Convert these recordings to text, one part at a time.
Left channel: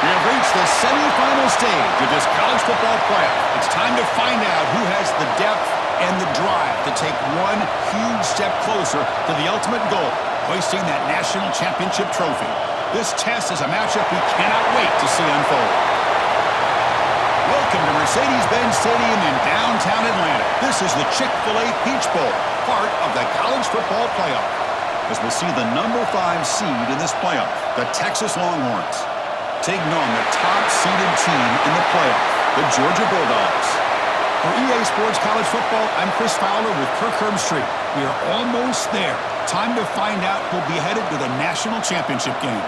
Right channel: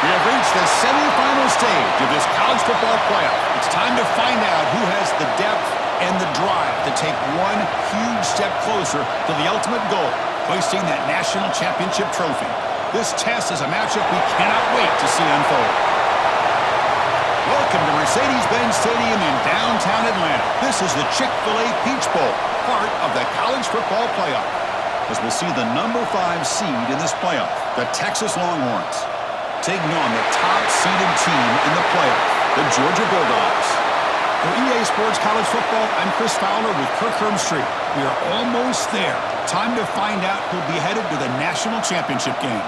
We have reached the semifinal stage of this college football playoff. It's time to find out who has the depth and the drive to take one huge step closer to the ultimate goal, hoisting that national championship trophy. This test is a matchup we cannot wait to see unfold. Welcome to Mercedes-Benz Stadium in downtown Atlanta. This is the Chick-fil-A Peach Bowl, part of the college football playoff. As we'll see the number 5 seed in this playoff, the Texas Longhorns, taking on the top-seeded team in the playoff, the Georgia Bulldogs. For EA Sports College Football, I'm Chris Fowler with Kirk Herbstreit. We are almost there. Time to find out who'll be headed to the national championship game.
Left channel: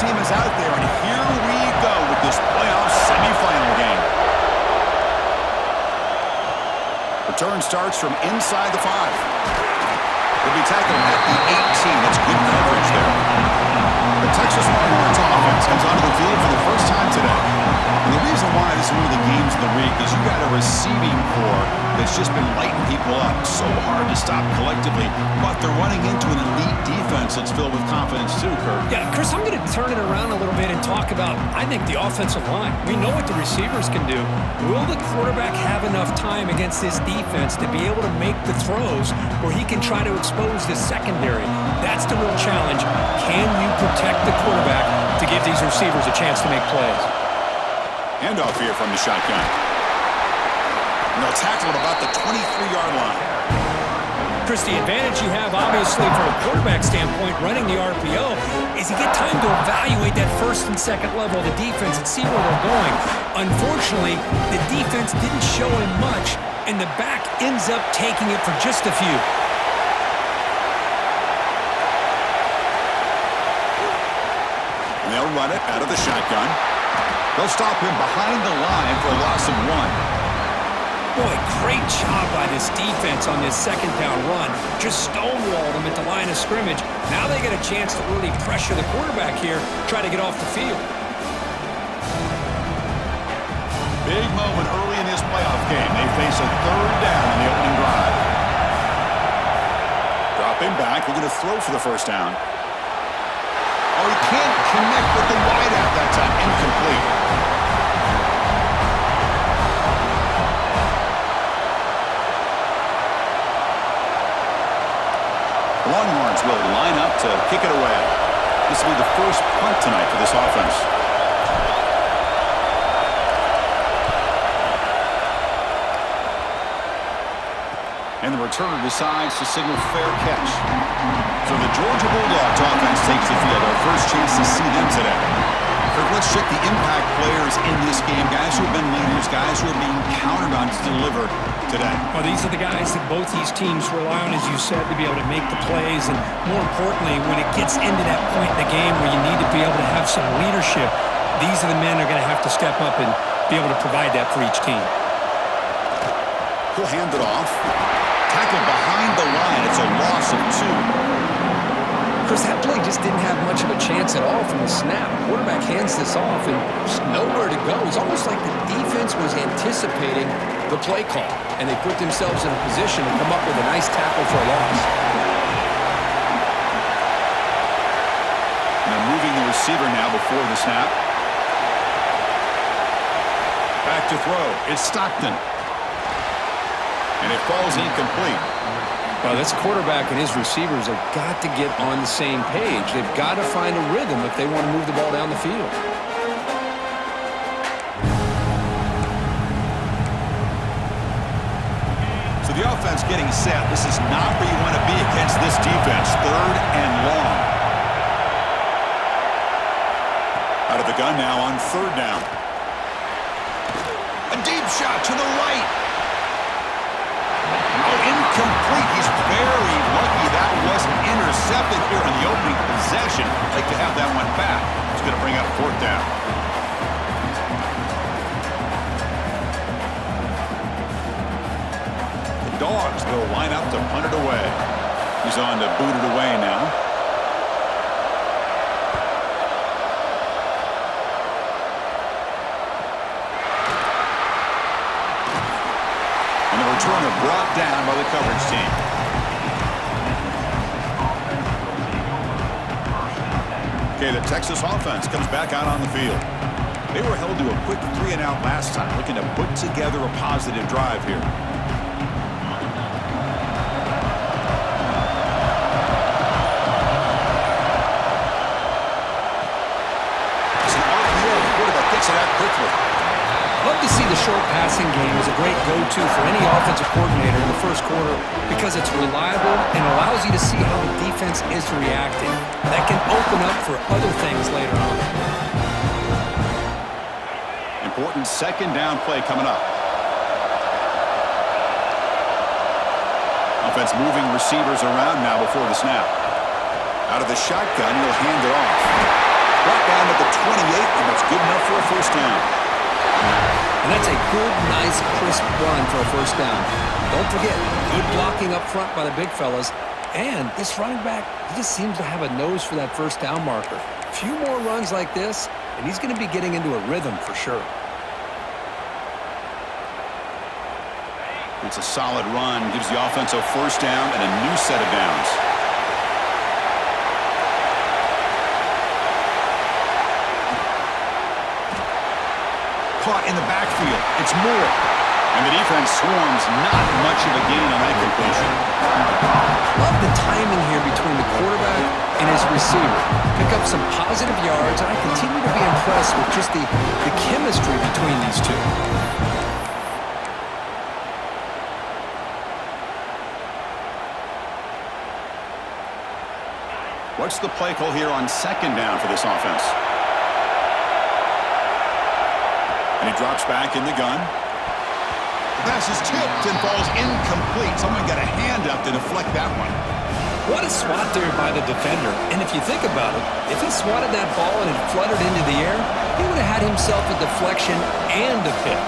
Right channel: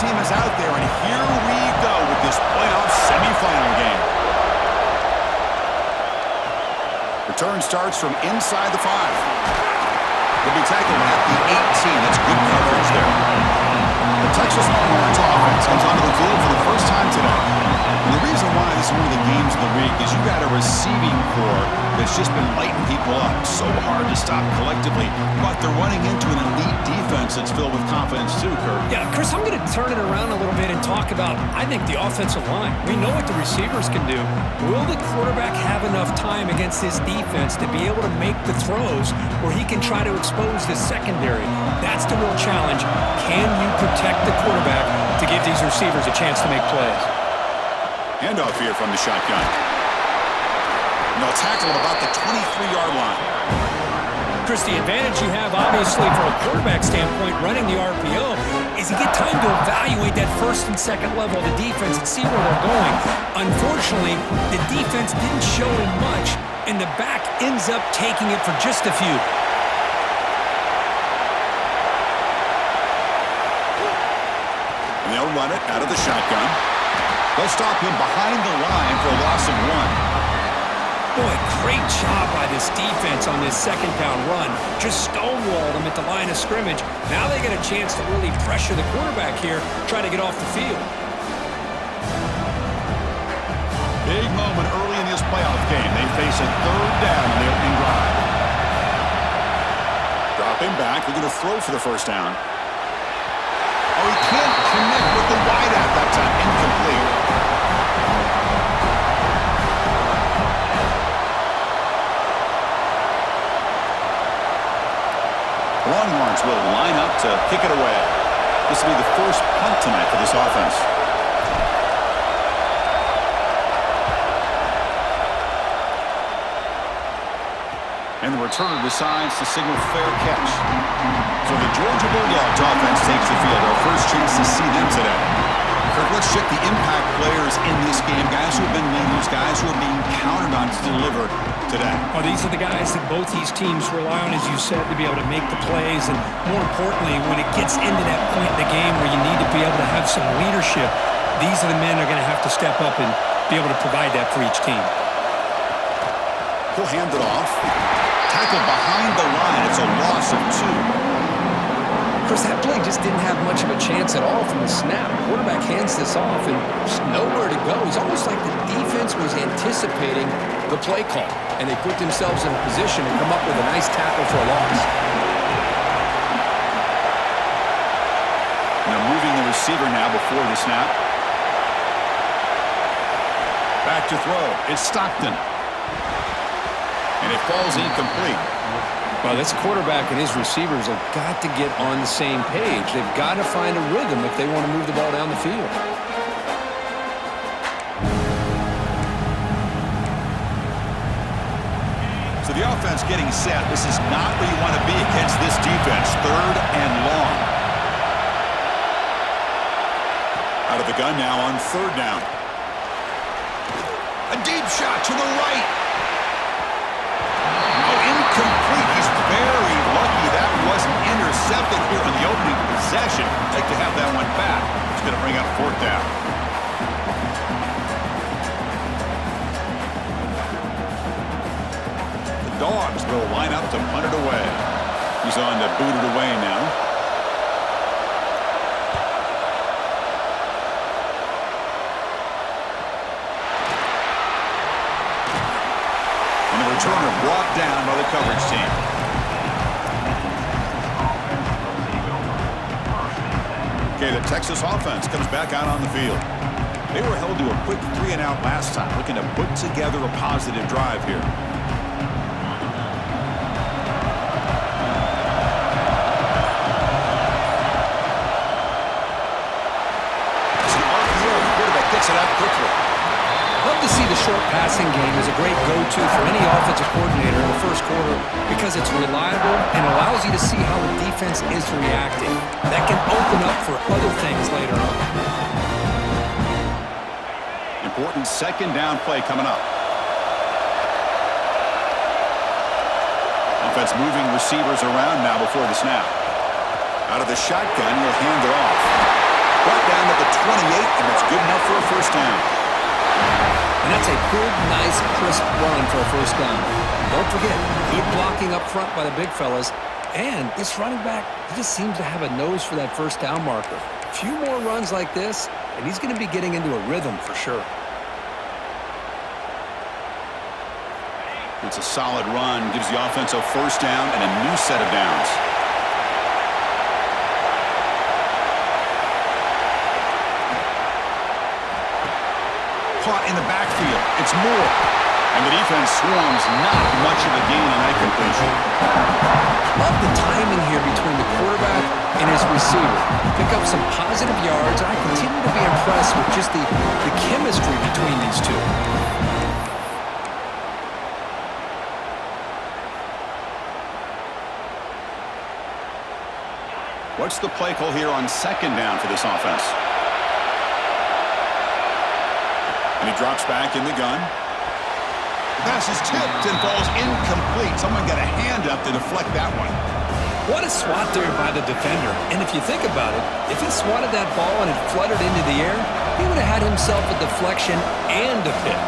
Team is out there, and here we go with this playoff semifinal game. Return starts from inside the 5. They'll be tackled at the 18. That's good coverage there. The Texas Longhorns offense comes onto the field for the first time today. And the reason why this is one of the games of the week is you got a receiving core that's just been lighting people up. So hard to stop collectively, but they're running into an elite defense that's filled with confidence too, Kirk. Yeah, Chris, I'm going to turn it around a little bit and talk about, I think, the offensive line. We know what the receivers can do. Will the quarterback have enough time against this defense to be able to make the throws where he can try to expose the secondary? That's the real challenge. Can you protect the quarterback to give these receivers a chance to make plays? Handoff here from the shotgun. And they'll tackle him about the 23-yard line. Chris, the advantage you have, obviously, from a quarterback standpoint, running the RPO, is you get time to evaluate that first and second level of the defense and see where they're going. Unfortunately, the defense didn't show him much, and the back ends up taking it for just a few. And they'll run it out of the shotgun. They'll stop him behind the line for a loss of 1. Boy, great job by this defense on this second down run. Just stonewalled him at the line of scrimmage. Now they get a chance to really pressure the quarterback here, try to get off the field. Big moment early in this playoff game. They face a third down on the opening drive. Dropping back, they're going to throw for the first down. Oh, he can't connect with the wideout that time. Incomplete. The Longhorns will line up to kick it away. This will be the first punt tonight for this offense. And the returner decides to signal fair catch. So the Georgia Bulldogs offense takes the field. Our first chance to see them today. Kirk, let's check the impact players in this game. Guys who have been leaders, guys who are being counted on to deliver today. Well, these are the guys that both these teams rely on, as you said, to be able to make the plays. And more importantly, when it gets into that point in the game where you need to be able to have some leadership, these are the men who are going to have to step up and be able to provide that for each team. He'll hand it off. Tackled behind the line. It's a loss of 2. Chris, that play just didn't have much of a chance at all from the snap. Quarterback hands this off and just nowhere to go. It's almost like the defense was anticipating the play call, and they put themselves in a position to come up with a nice tackle for a loss. And they're moving the receiver now before the snap. Back to throw. It's Stockton. And it falls incomplete. Well, this quarterback and his receivers have got to get on the same page. They've got to find a rhythm if they want to move the ball down the field. So the offense getting set. This is not where you want to be against this defense. Third and long. Out of the gun now on third down. A deep shot to the right. Oh, incomplete. He's very lucky that wasn't intercepted here on the opening possession. Like to have that one back. He's going to bring up fourth down. The Dogs will line up to punt it away. He's on to boot it away now. returner brought down by the coverage team. Okay, the Texas offense comes back out on the field. They were held to a quick 3-and-out last time, looking to put together a positive drive here. It's an RPO. The quarterback gets it out quickly. Love to see the short passing game as a great go-to for any offensive coordinator in the first quarter because it's reliable and allows you to see how the defense is reacting. That can open up for other things later on. Important second down play coming up. Offense moving receivers around now before the snap. Out of the shotgun, he'll hand it off. Brought down at the 28, and that's good enough for a first down. And that's a good, nice, crisp run for a first down. Don't forget, good blocking up front by the big fellas. And this running back, he just seems to have a nose for that first down marker. A few more runs like this, and he's going to be getting into a rhythm for sure. It's a solid run, gives the offense a first down and a new set of downs. Caught in the backfield. It's Moore. And the defense swarms, not much of a gain on that completion. Love the timing here between the quarterback and his receiver. Pick up some positive yards, and I continue to be impressed with just the chemistry between these two. What's the play call here on second down for this offense? And he drops back in the gun. The pass is tipped and falls incomplete. Someone got a hand up to deflect that one. What a swat there by the defender. And if you think about it, if he swatted that ball and it fluttered into the air, he would have had himself a deflection and a pick.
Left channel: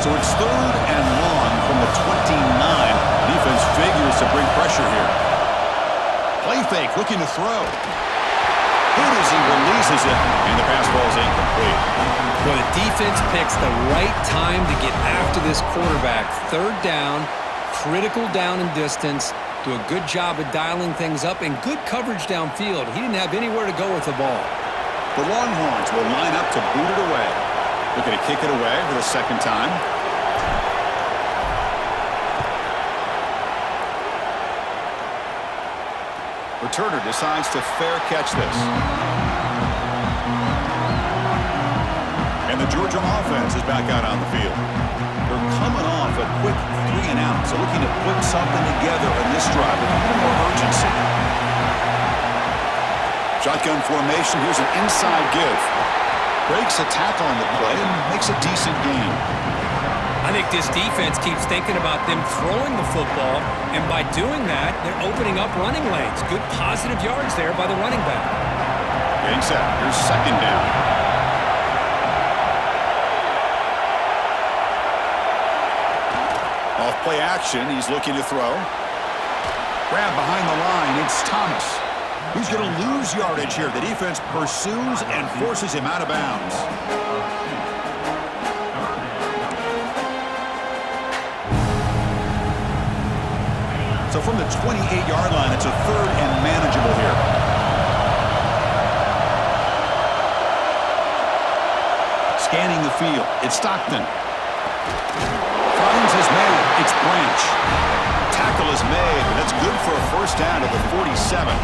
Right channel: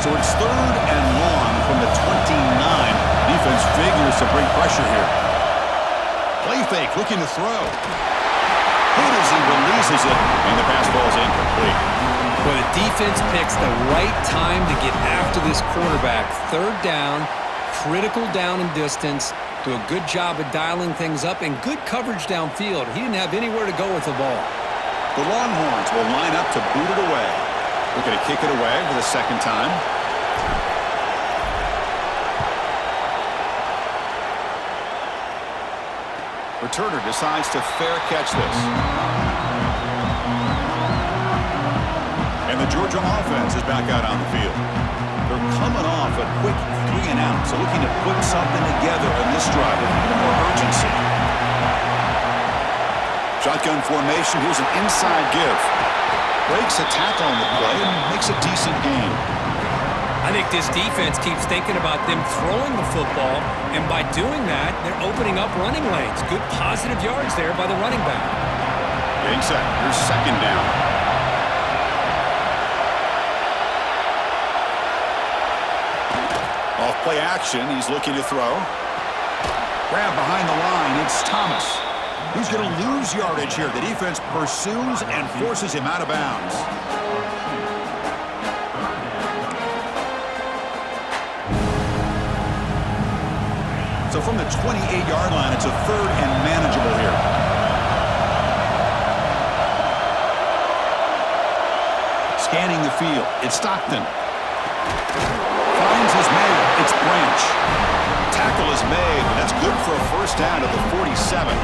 So it's third and long from the 29. Defense figures to bring pressure here. Play fake, looking to throw. Hit as he releases it, and the pass ball is incomplete. But the defense picks the right time to get after this quarterback. Third down, critical down and distance. Do a good job of dialing things up and good coverage downfield. He didn't have anywhere to go with the ball. The Longhorns will line up to boot it away. Looking to kick it away for the second time. Returner decides to fair catch this. And the Georgia offense is back out on the field. They're coming off a quick 3-and-out, so looking to put something together in this drive with a little more urgency. Shotgun formation. Here's an inside give. Breaks a tackle on the play and makes a decent gain. I think this defense keeps thinking about them throwing the football, and by doing that, they're opening up running lanes. Good positive yards there by the running back. Getting set. Here's second down. Off play action. He's looking to throw. Grab behind the line. It's Thomas. He's going to lose yardage here. The defense pursues and forces him out of bounds. So from the 28-yard line, it's a third and manageable here. Scanning the field. It's Stockton. Finds his man. It's Branch. Tackle is made, but that's good for a first down at the 47.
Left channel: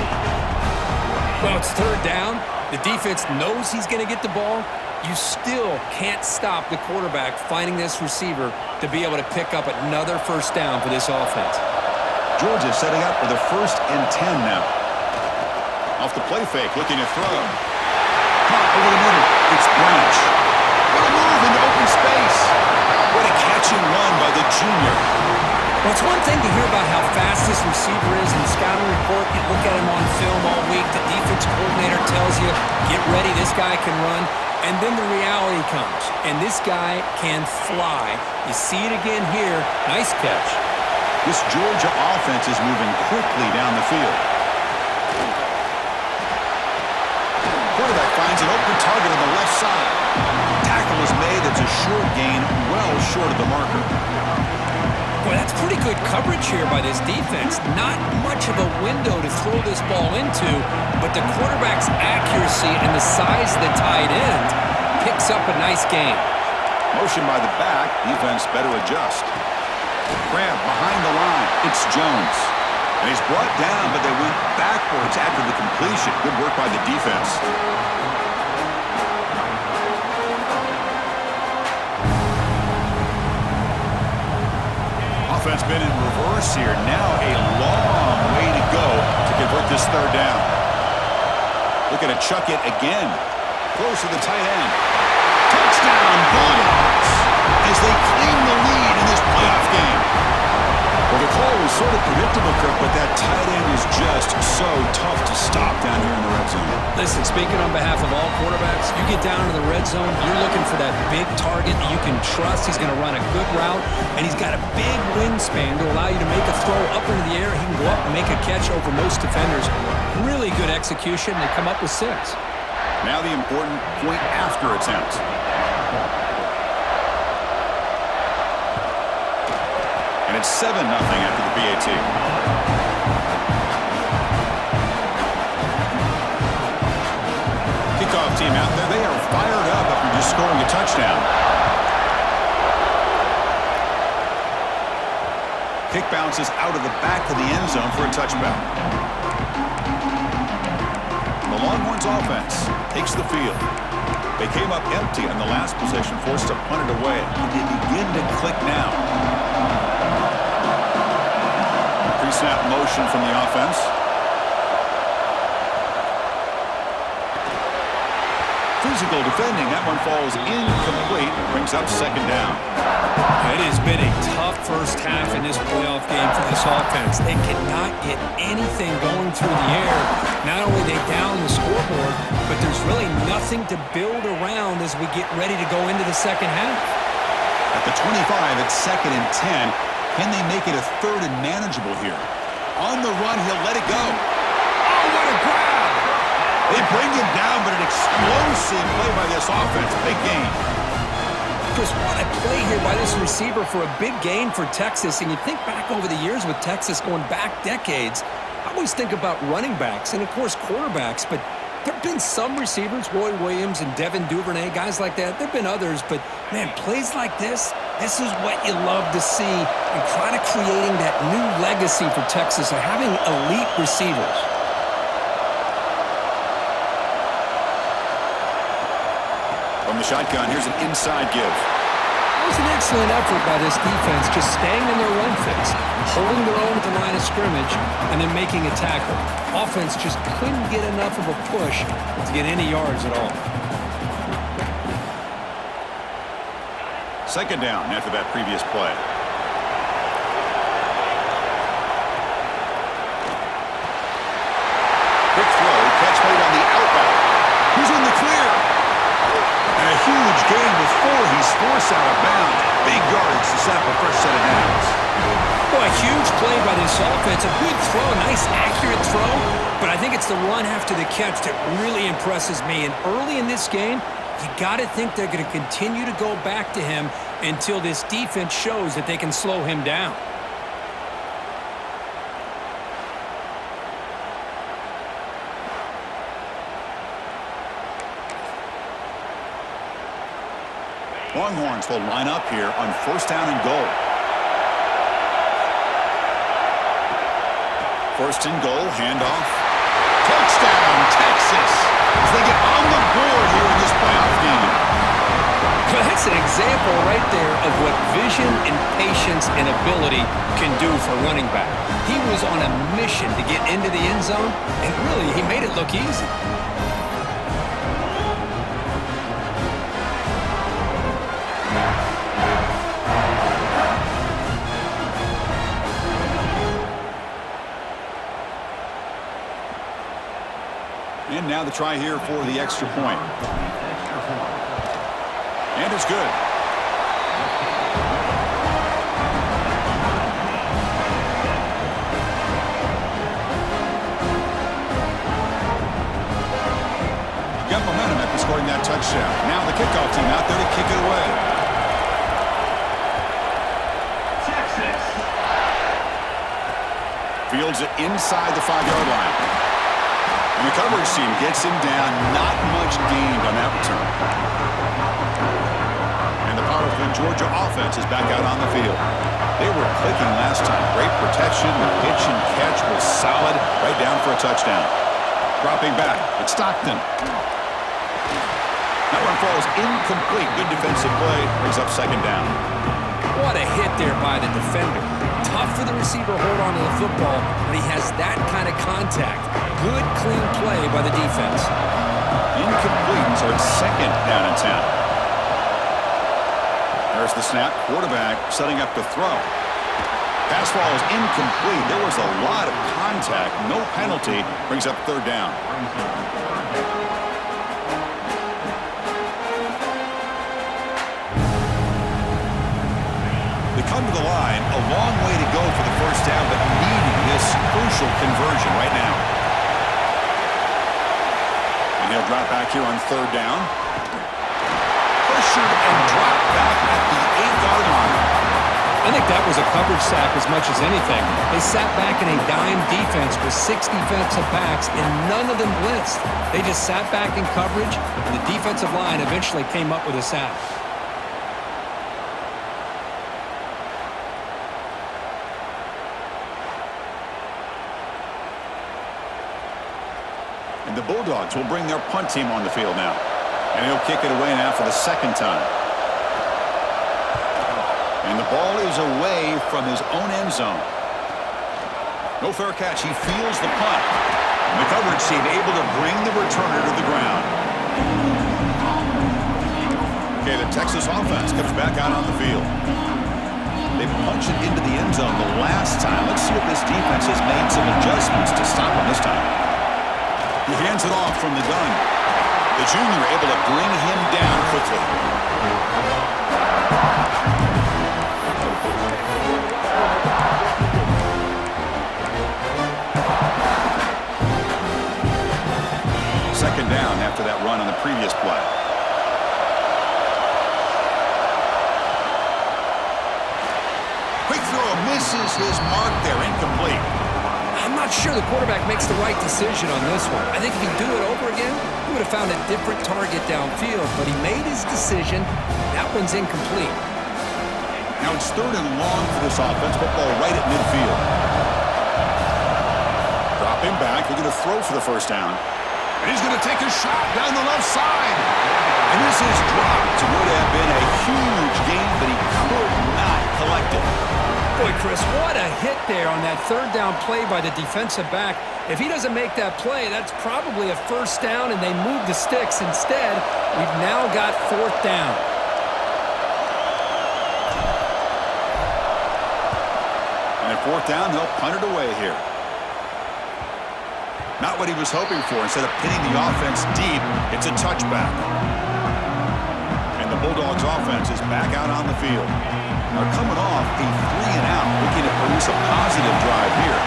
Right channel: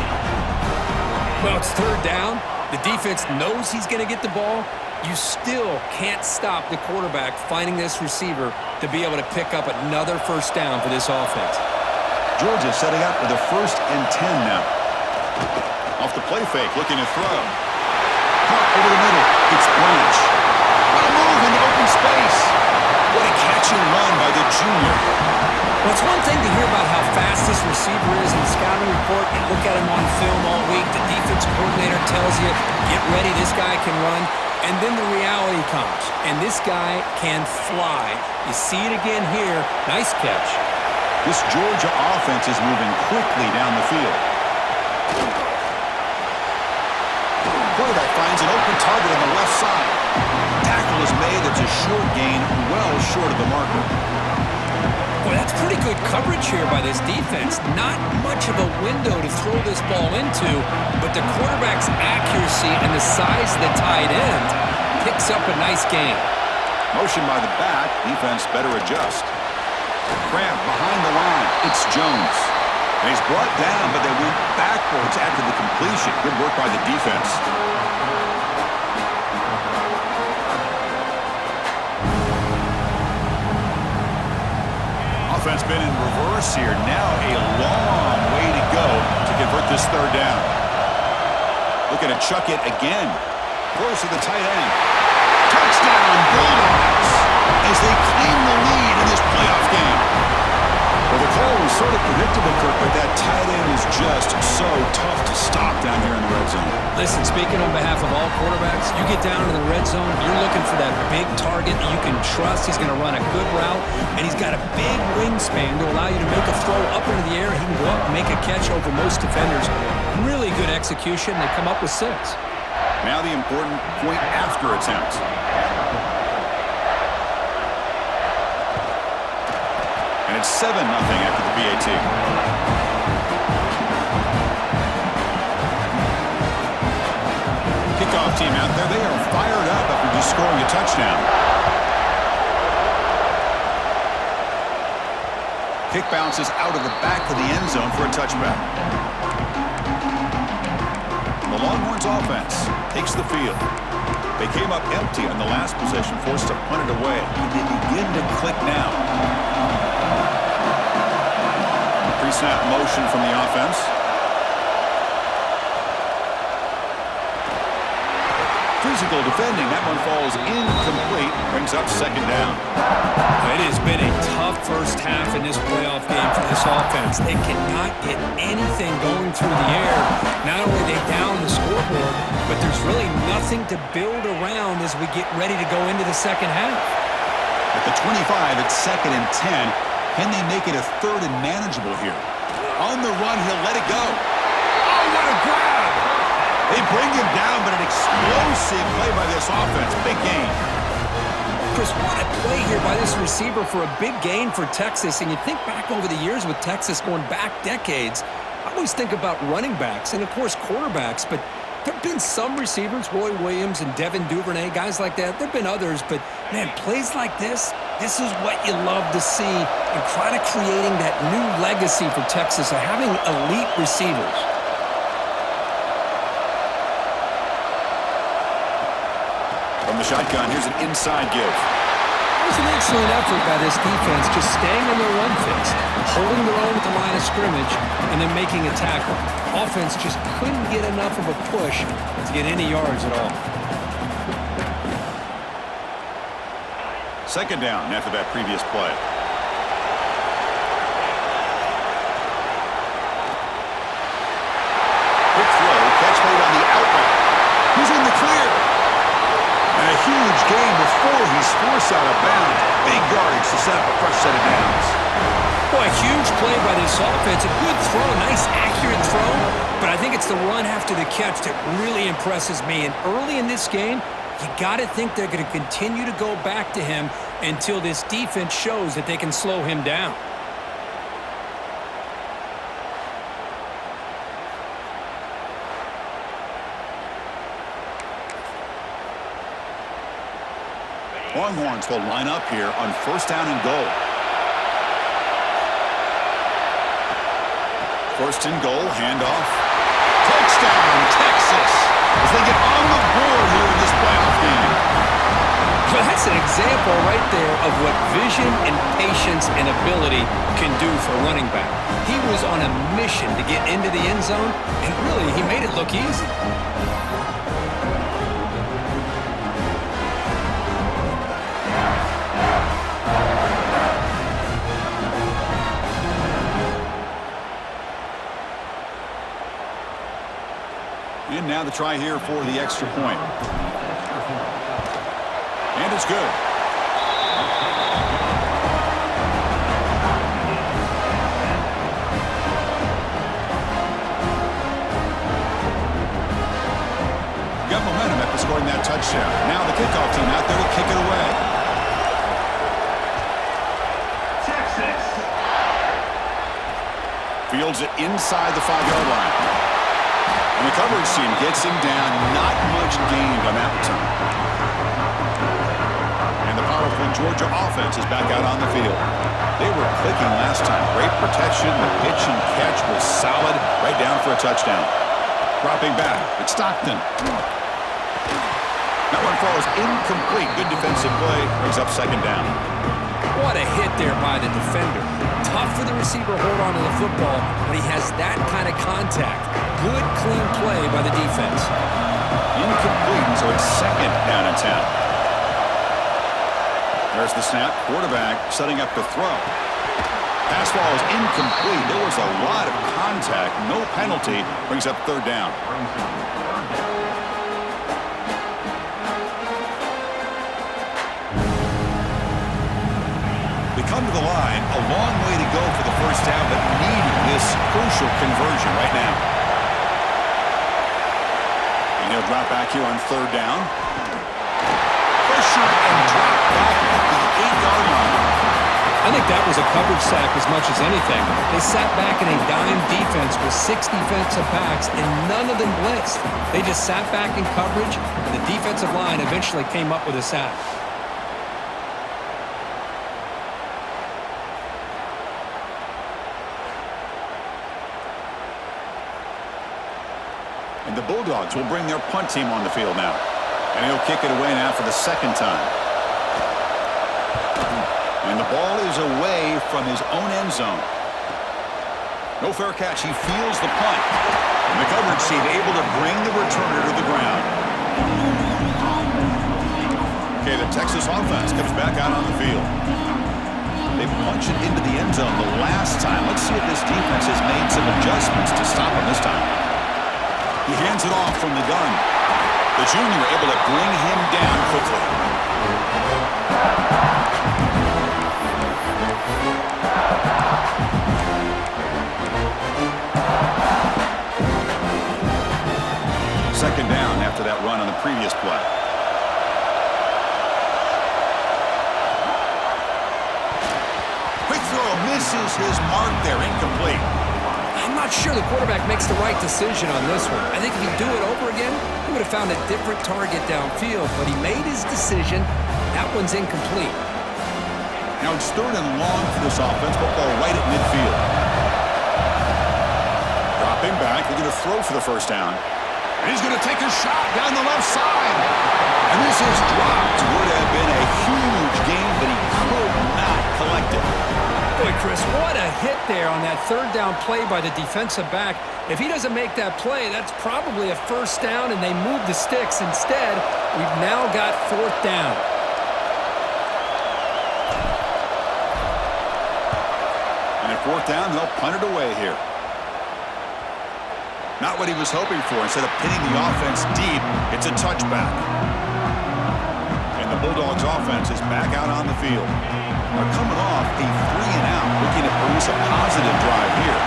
Well, it's third down. The defense knows he's going to get the ball. You still can't stop the quarterback finding this receiver to be able to pick up another first down for this offense. Georgia setting up with a 1st and 10 now. Off the play fake, looking to throw. Caught over the middle. It's Branch. What a move into open space. What a catch and run by the junior. Well, it's one thing to hear about how fast this receiver is in the scouting report. You look at him on film all week. The defense coordinator tells you, get ready, this guy can run. And then the reality comes, and this guy can fly. You see it again here. Nice catch. This Georgia offense is moving quickly down the field. Quarterback finds an open target on the left side. Tackle is made. It's a short gain, well short of the marker. Boy, that's pretty good coverage here by this defense. Not much of a window to throw this ball into, but the quarterback's accuracy and the size of the tight end picks up a nice gain. Motion by the back. Defense better adjust. Grab behind the line. It's Jones. And he's brought down, but they went backwards after the completion. Good work by the defense. Offense been in reverse here. Now a long way to go to convert this third down. Looking to chuck it again. Close to the tight end. Touchdown, Bulldogs, as they claim the lead in this playoff game. Well, the call was sort of predictable, Kirk, but that tight end is just so tough to stop down here in the red zone. Listen, speaking on behalf of all quarterbacks, you get down in the red zone, you're looking for that big target that you can trust. He's going to run a good route, and he's got a big wingspan to allow you to make a throw up into the air. He can go up and make a catch over most defenders. Really good execution. They come up with 6. Now the important point after attempt. And it's 7-0 after the PAT. Kickoff team out there. They are fired up after just scoring a touchdown. Kick bounces out of the back of the end zone for a touchback. The Longhorns offense takes the field. They came up empty on the last possession, forced to punt it away. And they begin to click now. Pre-snap motion from the offense. Physical defending. That one falls incomplete. Brings up second down. It has been a tough first half in this playoff game for this offense. They cannot get anything going through the air. Not only are they down the scoreboard, but there's really nothing to build around as we get ready to go into the second half. At the 25, it's 2nd and 10. Can they make it a 3rd and manageable here? On the run, he'll let it go. Oh, what a grab! They bring him down, but an explosive play by this offense. Big gain. Chris, what a play here by this receiver for a big gain for Texas. And you think back over the years with Texas going back decades, I always think about running backs and, of course, quarterbacks. But there have been some receivers, Roy Williams and Devin Duvernay, guys like that. There have been others. But, man, plays like this is what you love to see and kind of creating that new legacy for Texas of having elite receivers. From the shotgun, here's an inside give. It was an excellent effort by this defense, just staying in their run fix, holding their own at the line of scrimmage, and then making a tackle. Offense just couldn't get enough of a push to get any yards at all. Second down after that previous play. Quick throw, catch made on the out route. He's in the clear. And a huge gain before he's forced out of bounds. Big yardage to set up a fresh set of downs. Boy, a huge play by this offense. A good throw, a nice accurate throw. But I think it's the run after the catch that really impresses me. And early in this game, you got to think they're going to continue to go back to him until this defense shows that they can slow him down. Longhorns will line up here on 1st down and goal. 1st and goal, handoff. Touchdown, Texas, as they get on the board here in this playoff game. Well, that's an example right there of what vision and patience and ability can do for a running back. He was on a mission to get into the end zone, and really, he made it look easy. And now the try here for the extra point. And it's good. scoring that touchdown. Now the kickoff team out there to kick it away. Texas. Fields it inside the 5-yard line. And the coverage team gets him down. Not much gained on that return. And the powerful Georgia offense is back out on the field. They were clicking last time. Great protection. The pitch and catch was solid. Right down for a touchdown. Dropping back. It's Stockton. That one falls incomplete. Good defensive play. Brings up second down. What a hit there by the defender. Tough for the receiver to hold on to the football, but he has that kind of contact. Good, clean play by the defense. Incomplete, so it's second down and 10. There's the snap. Quarterback setting up to throw. Pass ball is incomplete. There was a lot of contact. No penalty. Brings up third down. They come to the line. A long way to go for the first down, but needing this crucial conversion right now. And he'll drop back here on third down. Pressured and dropped back at the 8-yard line. I think that was a coverage sack as much as anything. They sat back in a dime defense with 6 defensive backs, and none of them blitzed. They just sat back in coverage, and the defensive line eventually came up with a sack. And the Bulldogs will bring their punt team on the field now. And he'll kick it away now for the second time. And the ball is away from his own end zone. No fair catch. He feels the punt. And the coverage team able to bring the returner to the ground. Okay, the Texas offense comes back out on the field. They punch it into the end zone the last time. Let's see if this defense has made some adjustments to stop him this time. He hands it off from the gun. The junior able to bring him down quickly. Second down after that run on the previous play. Quick throw misses his mark there, incomplete. I'm not sure the quarterback makes the right decision on this one. I think if he'd do it over again, he would have found a different target downfield, but he made his decision. That one's incomplete. Now it's third and long for this offense. Football right at midfield. Dropping back. They're going to throw for the first down. And he's going to take a shot down the left side. And this is dropped. Would have been a huge gain, but he could not collect it. Boy, Chris, what a hit there on that third down play by the defensive back. If he doesn't make that play, that's probably a first down, and they move the sticks. Instead, we've now got fourth down. And at fourth down, they'll punt it away here. Not what he was hoping for. Instead of pinning the offense deep, it's a touchback. And the Bulldogs offense is back out on the field. Are coming off a 3-and-out, looking to produce a positive drive here.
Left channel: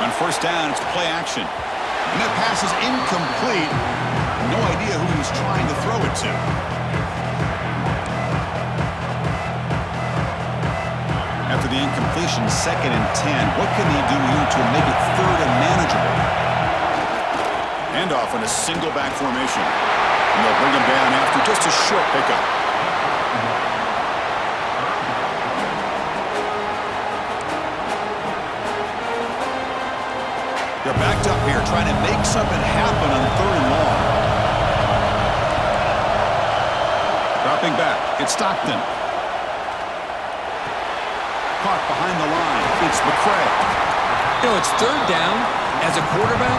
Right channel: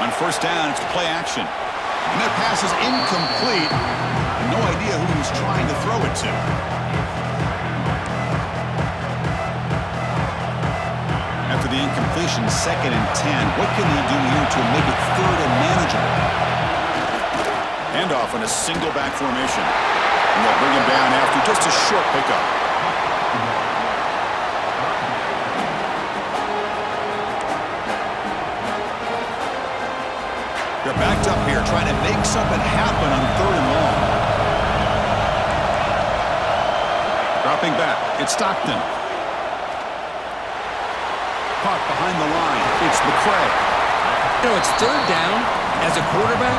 On first down, it's play action. And that pass is incomplete. No idea who he's trying to throw it to. After the incompletion, 2nd and 10. What can they do here to make it third and manageable? Handoff in a single back formation. And they'll bring him down after just a short pickup. They're backed up here trying to make something happen on third and long. Dropping back, it's Stockton. Caught behind the line, it's McCray. You know, it's third down. As a quarterback,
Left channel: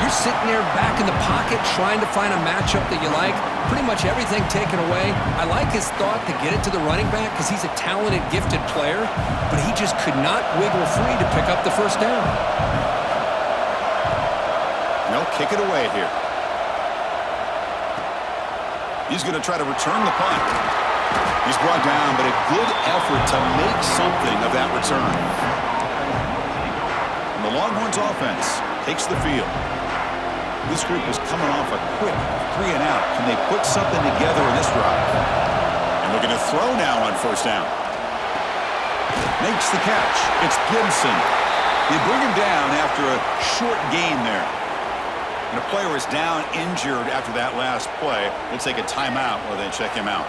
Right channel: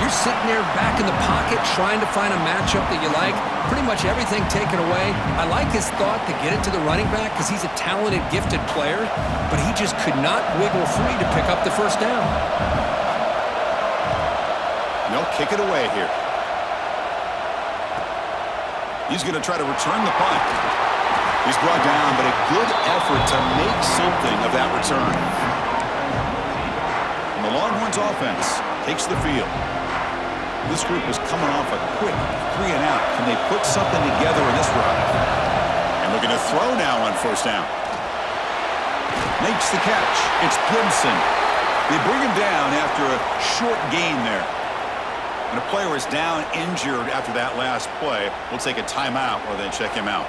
you're sitting there back in the pocket trying to find a matchup that you like. Pretty much everything taken away. I like his thought to get it to the running back because he's a talented, gifted player, but he just could not wiggle free to pick up the first down. They'll kick it away here. He's going to try to return the punt. He's brought down, but a good effort to make something of that return. And the Longhorns offense takes the field. This group is coming off a quick 3 and out. Can they put something together in this drive? And looking to throw now on first down. Makes the catch. It's Gibson. They bring him down after a short gain there. And a player is down injured after that last play. We'll take a timeout while they check him out.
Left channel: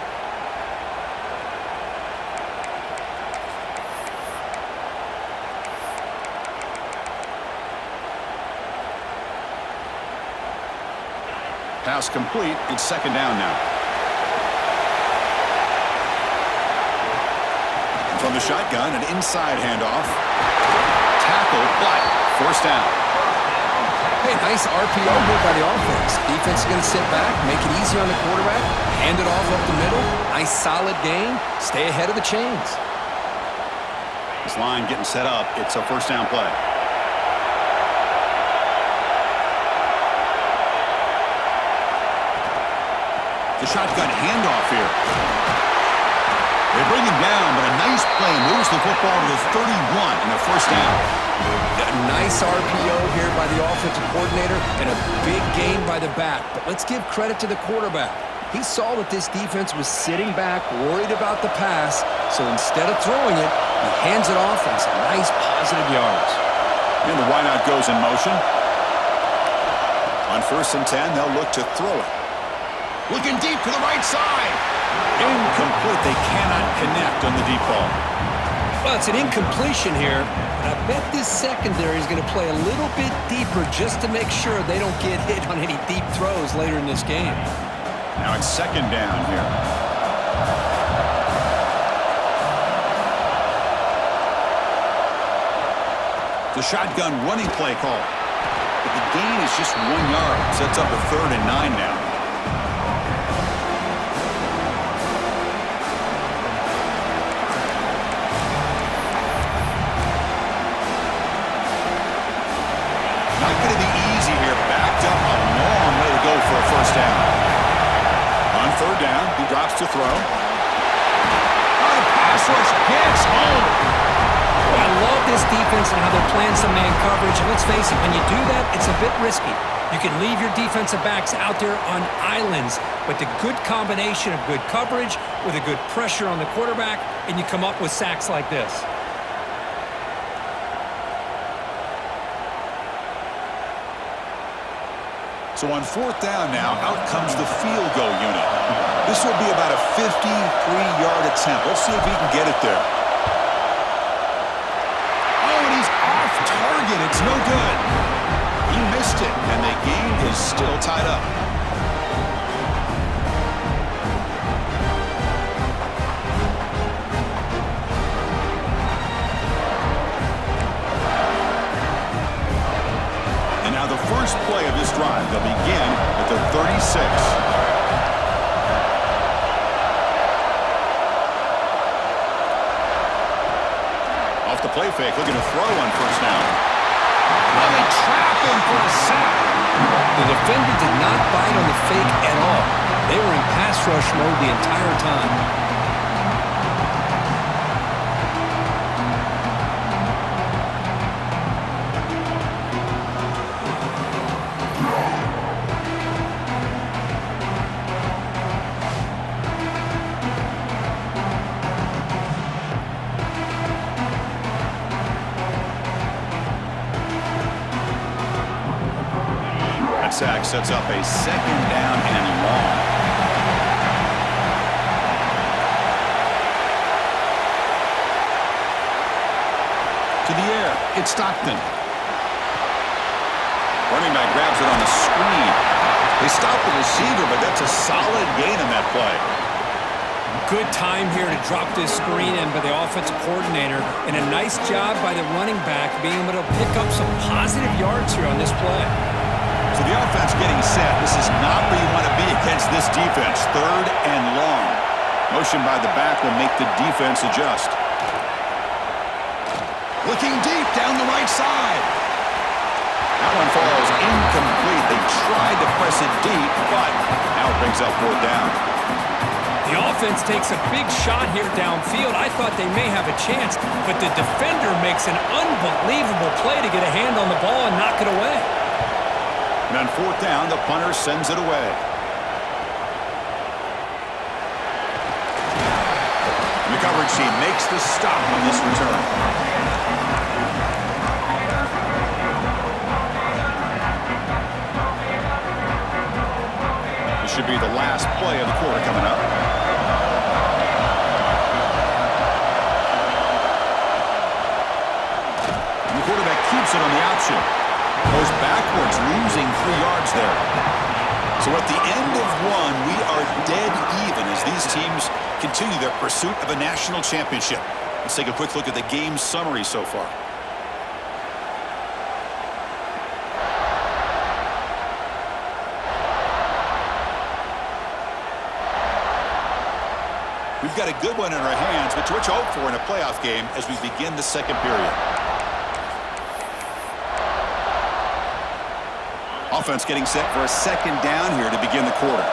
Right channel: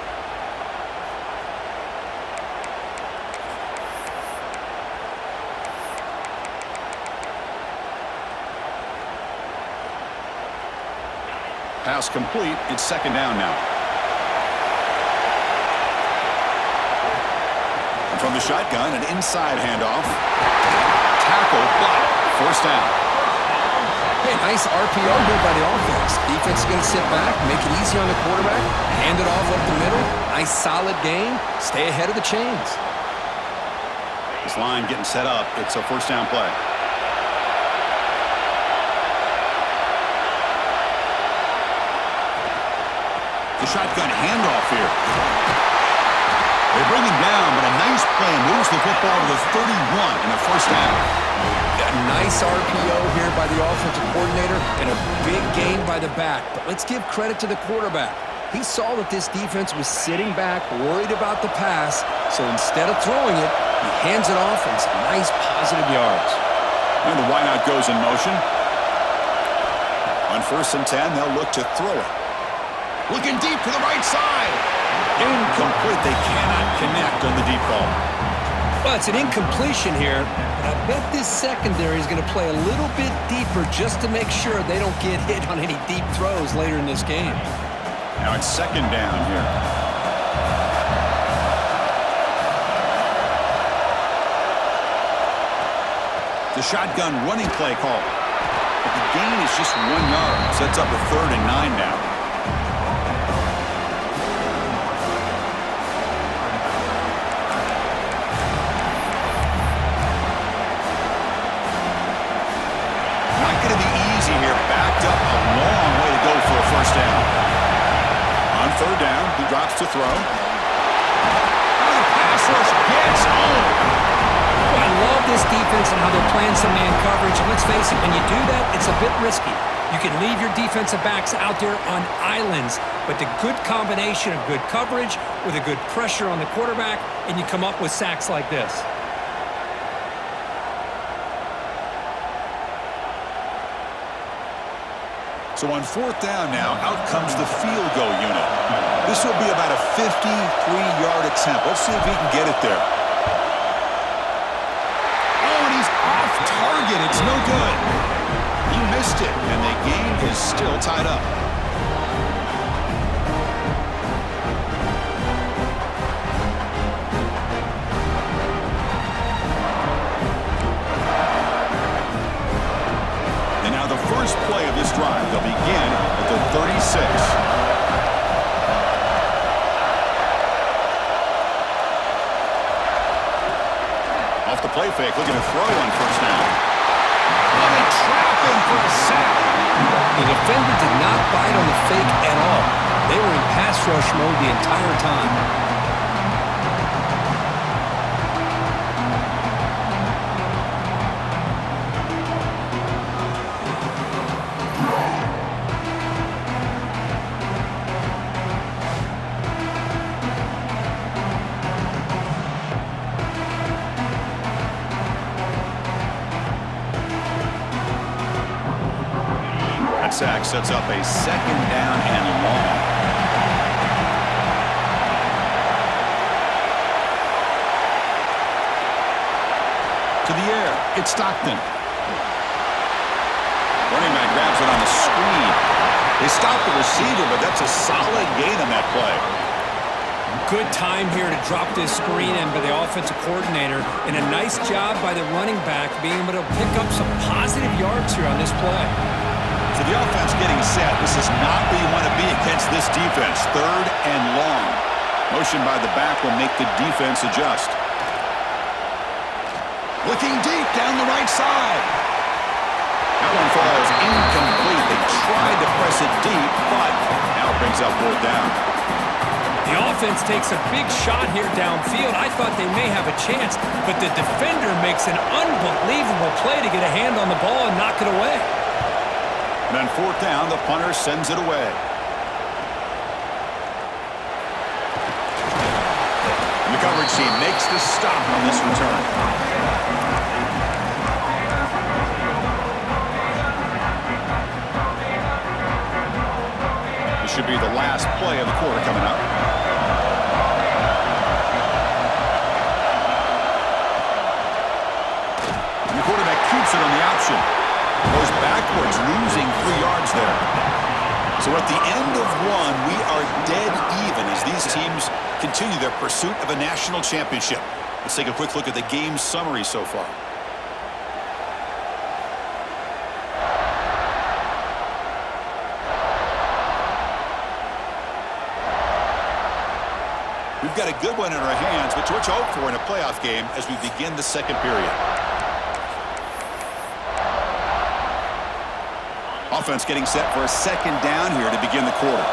Pass complete. It's second down now. And from the shotgun, an inside handoff. Tackle, but first down. Hey, nice RPO here by the offense. Defense is going to sit back, make it easy on the quarterback, hand it off up the middle. Nice solid gain. Stay ahead of the chains. This line getting set up. It's a first down play. The shotgun handoff here. They bring him down, but a nice play moves the football to the 31 and a first down. A nice RPO here by the offensive coordinator and a big gain by the back. But let's give credit to the quarterback. He saw that this defense was sitting back, worried about the pass, so instead of throwing it, he hands it off and some nice positive yards. And the wideout goes in motion. On first and 10, they'll look to throw it. Looking deep to the right side. Incomplete. They cannot connect on the deep ball. Well, it's an incompletion here, but I bet this secondary is going to play a little bit deeper just to make sure they don't get hit on any deep throws later in this game. Now it's second down here. The shotgun running play call. But the gain is just 1 yard. Sets up a 3rd and 9 now. Not going to be easy here. Backed up a long way to go for a first down. On 3rd down, he drops to throw. Oh, the pass rush gets home. Well, I love this defense and how they're playing some man coverage. And let's face it, when you do that, it's a bit risky. You can leave your defensive backs out there on islands, but the good combination of good coverage with a good pressure on the quarterback, and you come up with sacks like this. So on 4th down now, out comes the field goal unit. This will be about a 53-yard attempt. Let's see if he can get it there. Oh, and he's off target. It's no good. He missed it, and the game is still tied up. And now the first play of this drive, they'll begin at the 36. Off the play fake, looking to throw on first down. Oh, they trap him for a sack. The defender did not bite on the fake at all. They were in pass rush mode the entire time. Sack sets up a 2nd down and long. To the air, it's Stockton. Running back grabs it on the screen. They stop the receiver, but that's a solid gain on that play. Good time here to drop this screen in by the offensive coordinator, and a nice job by the running back being able to pick up some positive yards here on this play. So the offense getting set. This is not where you want to be against this defense. 3rd and long. Motion by the back will make the defense adjust. Looking deep down the right side. That one falls incomplete. They tried to press it deep, but now it brings up 4th down. The offense takes a big shot here downfield. I thought they may have a chance, but the defender makes an unbelievable play to get a hand on the ball and knock it away. And on fourth down, the punter sends it away. And the coverage team makes the stop on this return. This should be the last play of the quarter coming up. And the quarterback keeps it on the option. Goes backwards, losing 3 yards there. So at the end of one, we are dead even as these teams continue their pursuit of a national championship. Let's take a quick look at the game summary so far. We've got a good one in our hands, but what you hope for in a playoff game as we begin the second period. Offense getting set for a second down here to begin the quarter.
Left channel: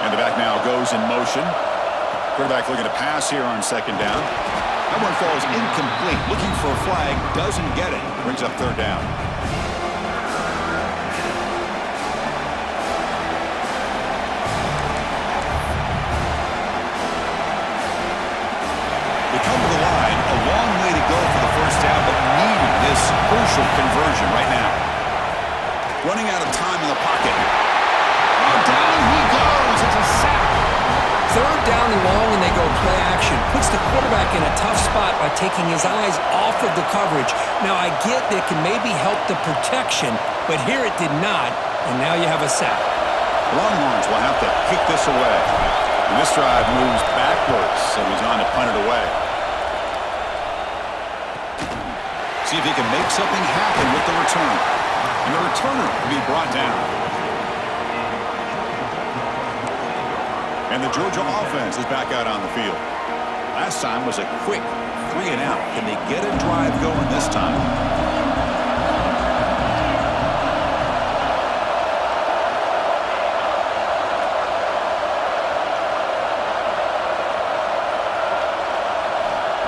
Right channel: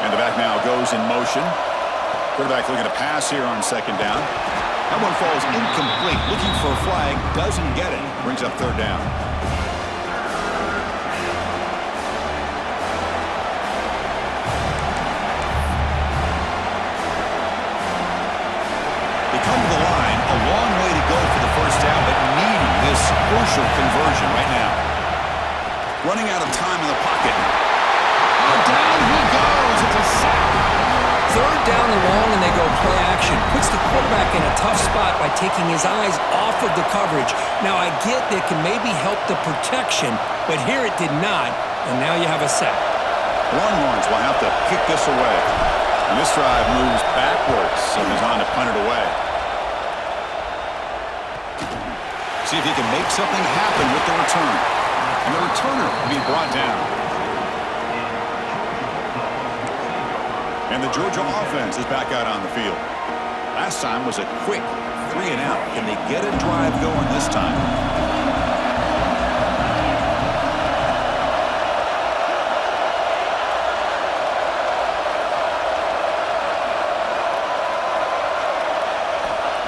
And the back now goes in motion. Quarterback looking to pass here on second down. That one falls incomplete. Looking for a flag, doesn't get it. Brings up third down. They come to the line, a long way to go for the first down, but needing this crucial conversion right now. Running out of time in the pocket. Oh, down he goes. It's a sack. Third down and long, and they go play action. Puts the quarterback in a tough spot by taking his eyes off of the coverage. Now, I get that can maybe help the protection, but here it did not, and now you have a sack. Longhorns will have to kick this away. And this drive moves backwards, so he's on to punt it away. See if he can make something happen with the return. And the returner will be brought down. And the Georgia offense is back out on the field. Last time was a quick 3-and-out. Can they get a drive going this time?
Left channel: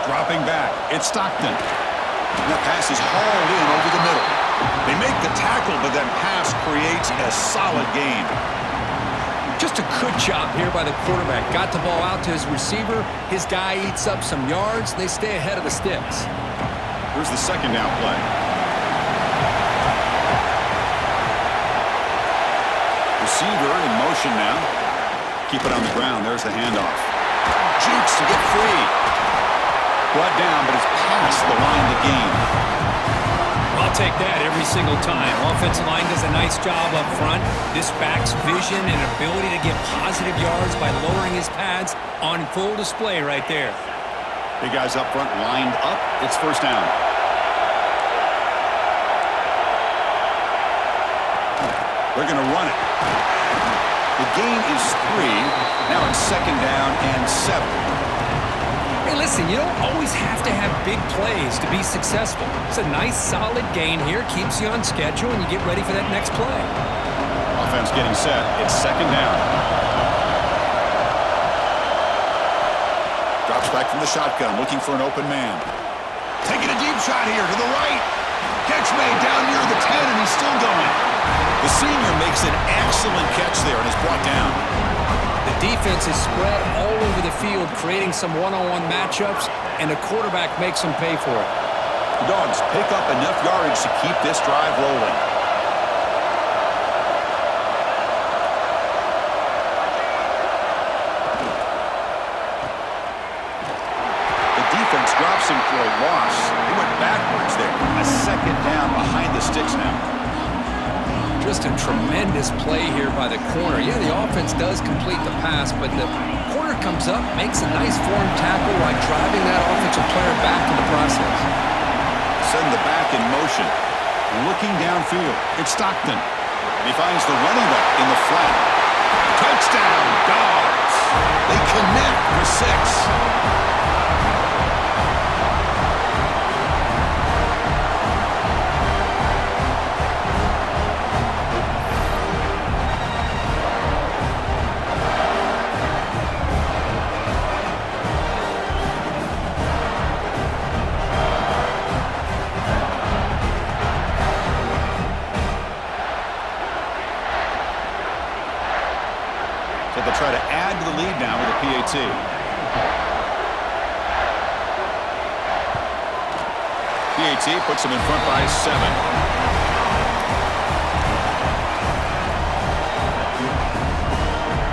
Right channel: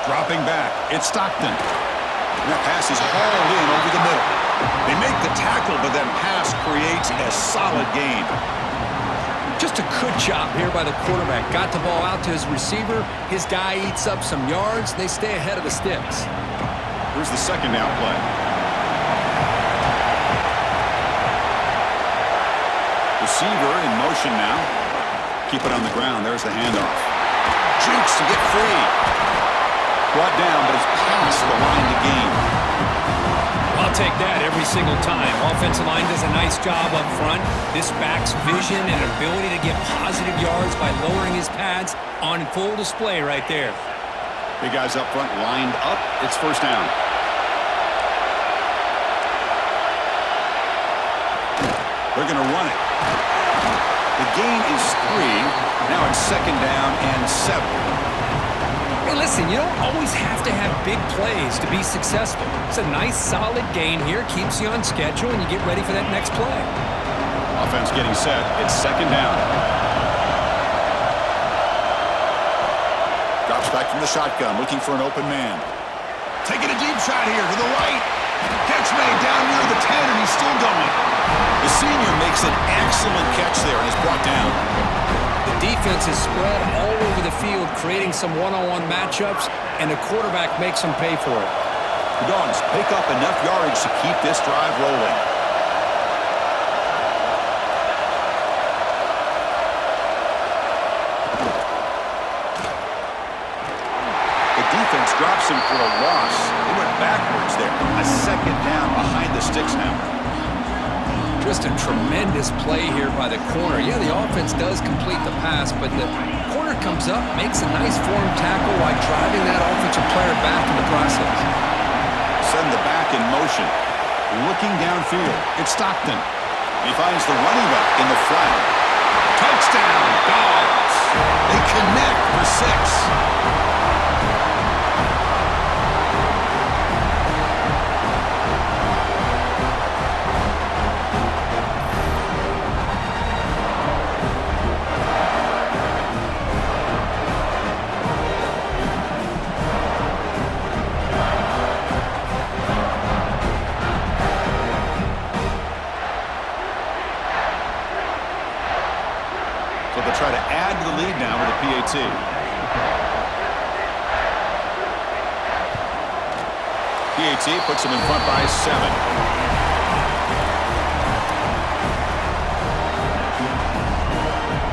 Dropping back, it's Stockton. And that pass is hauled in over the middle. They make the tackle, but that pass creates a solid gain. Just a good job here by the quarterback. Got the ball out to his receiver. His guy eats up some yards. They stay ahead of the sticks. Here's the second down play. Receiver in motion now. Keep it on the ground. There's the handoff. Jukes to get free. Brought down, but it's past the line to gain. I'll take that every single time. Offensive line does a nice job up front. This back's vision and ability to get positive yards by lowering his pads on full display right there. Big guys up front lined up. It's first down. They're going to run it. The gain is 3. Now it's second down and 7. Hey, listen, you don't always have to have big plays to be successful. It's a nice, solid gain here. Keeps you on schedule, and you get ready for that next play. Offense getting set. It's second down. Drops back from the shotgun, looking for an open man. Taking a deep shot here to the right. Catch made down near the 10, and he's still going. The senior makes an excellent catch there and is brought down. The defense is spread all over the field, creating some one-on-one matchups, and the quarterback makes them pay for it. The Dogs pick up enough yardage to keep this drive rolling. The defense drops him for a loss. They went backwards there. A second down behind the sticks now. Just a tremendous play here by the corner. Yeah, the offense does complete the pass, but the corner comes up, makes a nice form tackle while driving that offensive player back in the process. Send the back in motion. Looking downfield. It's Stockton. He finds the running back in the flat. Touchdown, Dogs. They connect for 6. they'll try to add to the lead now with a PAT. PAT puts them in front by 7.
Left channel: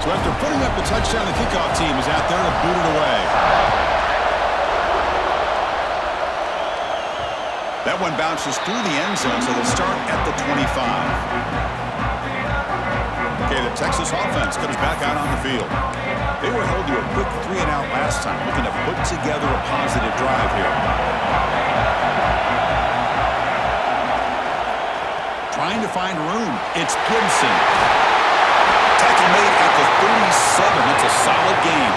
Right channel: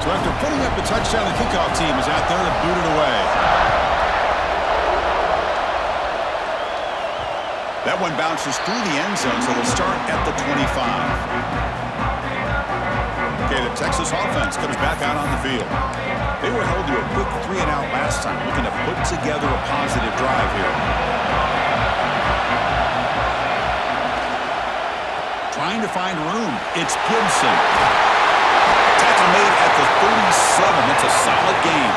So after putting up the touchdown, the kickoff team is out there to boot it away. That one bounces through the end zone, so they'll start at the 25. Okay, the Texas offense comes back out on the field. They were held to a quick 3-and-out last time, looking to put together a positive drive here. Trying to find room. It's Gibson. Tackle made at the 37. That's a solid game.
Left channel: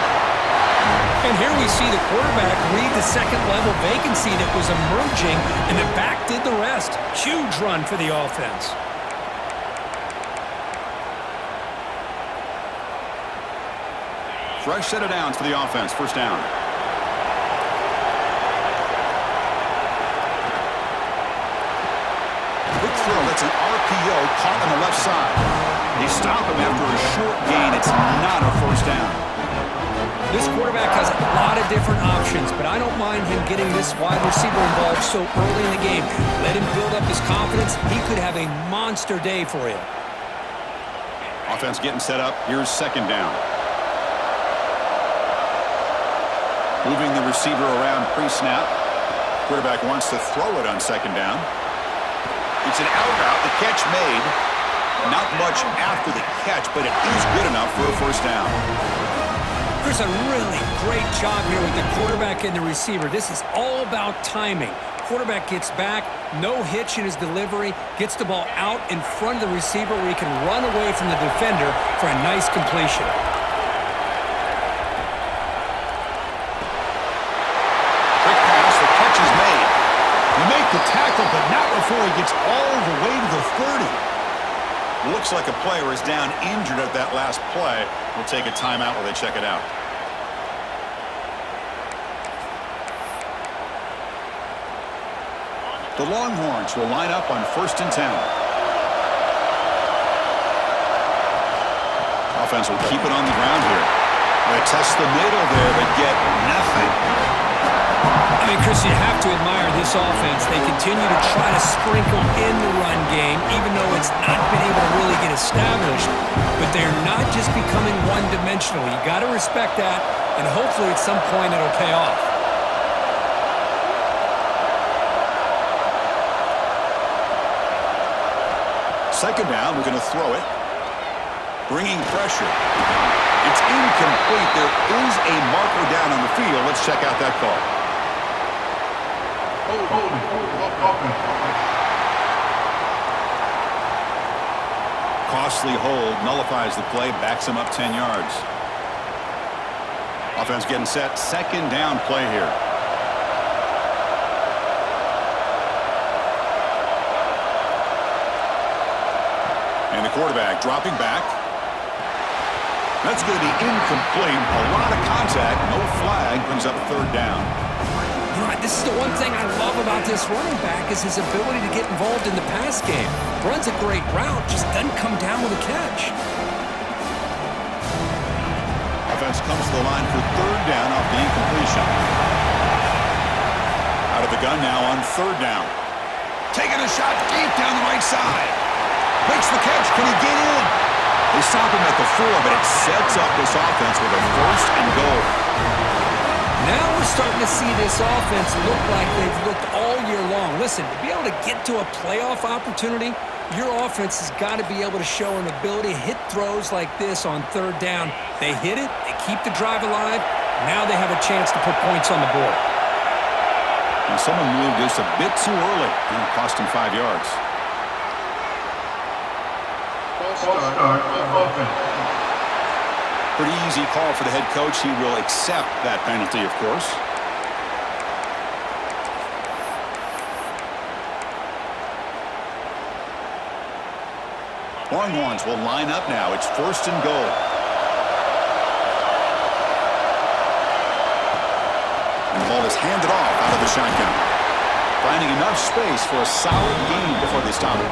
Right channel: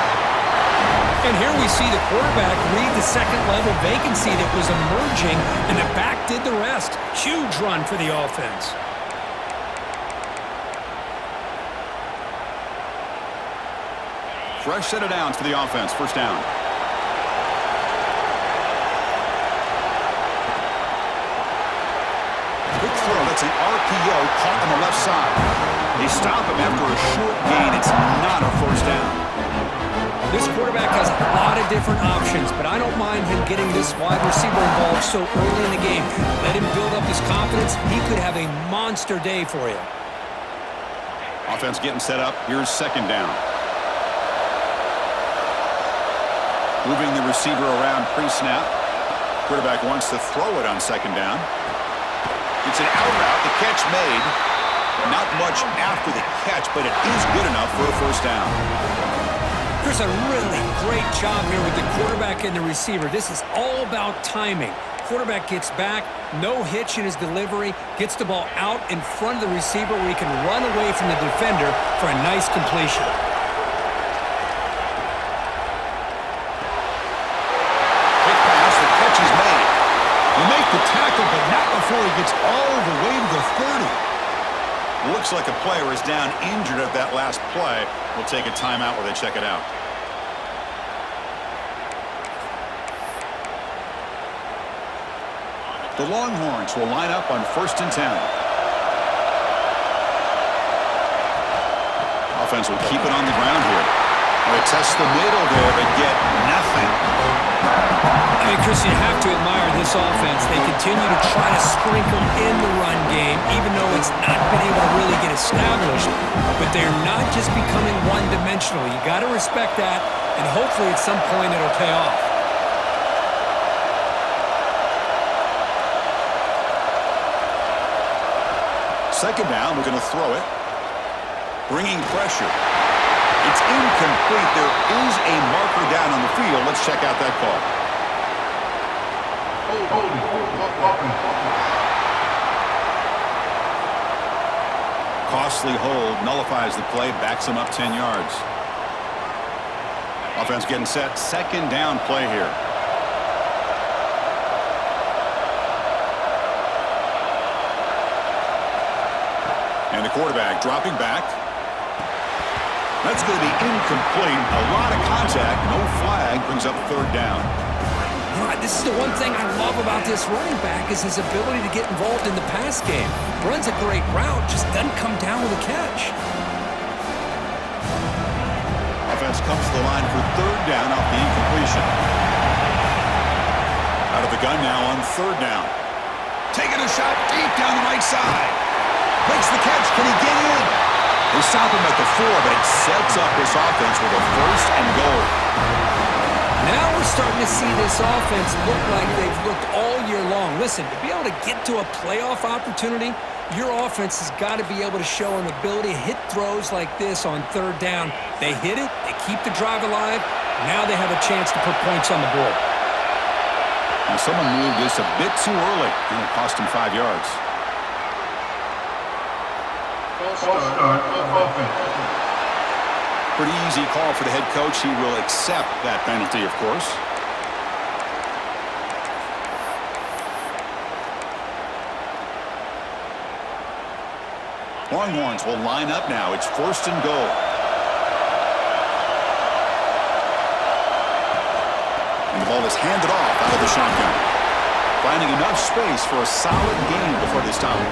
And here we see the quarterback read the second-level vacancy that was emerging, and the back did the rest. Huge run for the offense. Fresh set of downs for the offense. First down. Quick throw. That's an RPO caught on the left side. They stop him after a short gain. It's not a first down. This quarterback has a lot of different options, but I don't mind him getting this wide receiver involved so early in the game. Let him build up his confidence. He could have a monster day for you. Offense getting set up. Here's second down. Moving the receiver around pre-snap. Quarterback wants to throw it on second down. It's an out route. The catch made. Not much after the catch, but it is good enough for a first down. Chris, a really great job here with the quarterback and the receiver. This is all about timing. Quarterback gets back, no hitch in his delivery, gets the ball out in front of the receiver where he can run away from the defender for a nice completion. Quick pass, the catch is made. You make the tackle, but not before he gets all the way to the 30. Looks like a player is down injured at that last play. We'll take a timeout while they check it out. The Longhorns will line up on 1st and 10. Offense will keep it on the ground here. They test the middle there, but get nothing. I mean, Chris, you have to admire this offense. They continue to try to sprinkle in the run game, even though it's not been able to really get established. But they're not just becoming one-dimensional. You got to respect that, and hopefully at some point it'll pay off. Second down, we're going to throw it. Bringing pressure. It's incomplete. There is a marker down on the field. Let's check out that call. Costly hold, nullifies the play, backs him up 10 yards. Offense getting set. Second down play here. And the quarterback dropping back. That's going to be incomplete. A lot of contact. No flag. Brings up third down. You know, this is the one thing I love about this running back is his ability to get involved in the pass game. Runs a great route, just doesn't come down with a catch. Offense comes to the line for third down off the incompletion. Out of the gun now on third down. Taking a shot deep down the right side. Makes the catch. Can he get in? They stop him at the 4, but it sets up this offense with a first and goal. Now we're starting to see this offense look like they've looked all year long. Listen, to be able to get to a playoff opportunity, your offense has got to be able to show an ability to hit throws like this on third down. They hit it, they keep the drive alive, now they have a chance to put points on the board. Now someone moved this a bit too early, and it cost him 5 yards. Pretty easy call for the head coach. He will accept that penalty, of course. Longhorns will line up now. It's first and goal. And the ball is handed off out of the shotgun. Finding enough space for a solid gain before they stop it.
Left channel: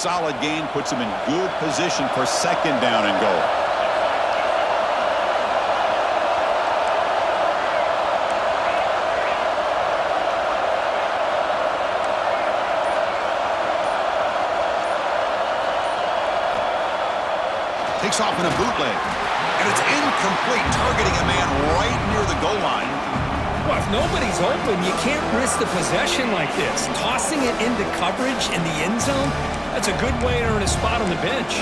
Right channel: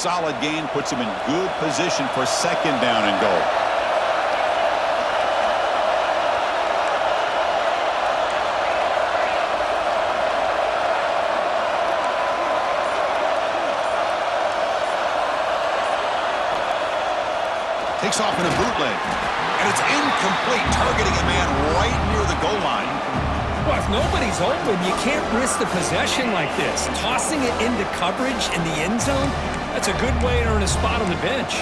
solid gain puts him in good position for second down and goal. Takes off in a bootleg. And it's incomplete, targeting a man right near the goal line. Well, if nobody's open, you can't risk the possession like this. Tossing it into coverage in the end zone, that's a good way to earn a spot on the bench.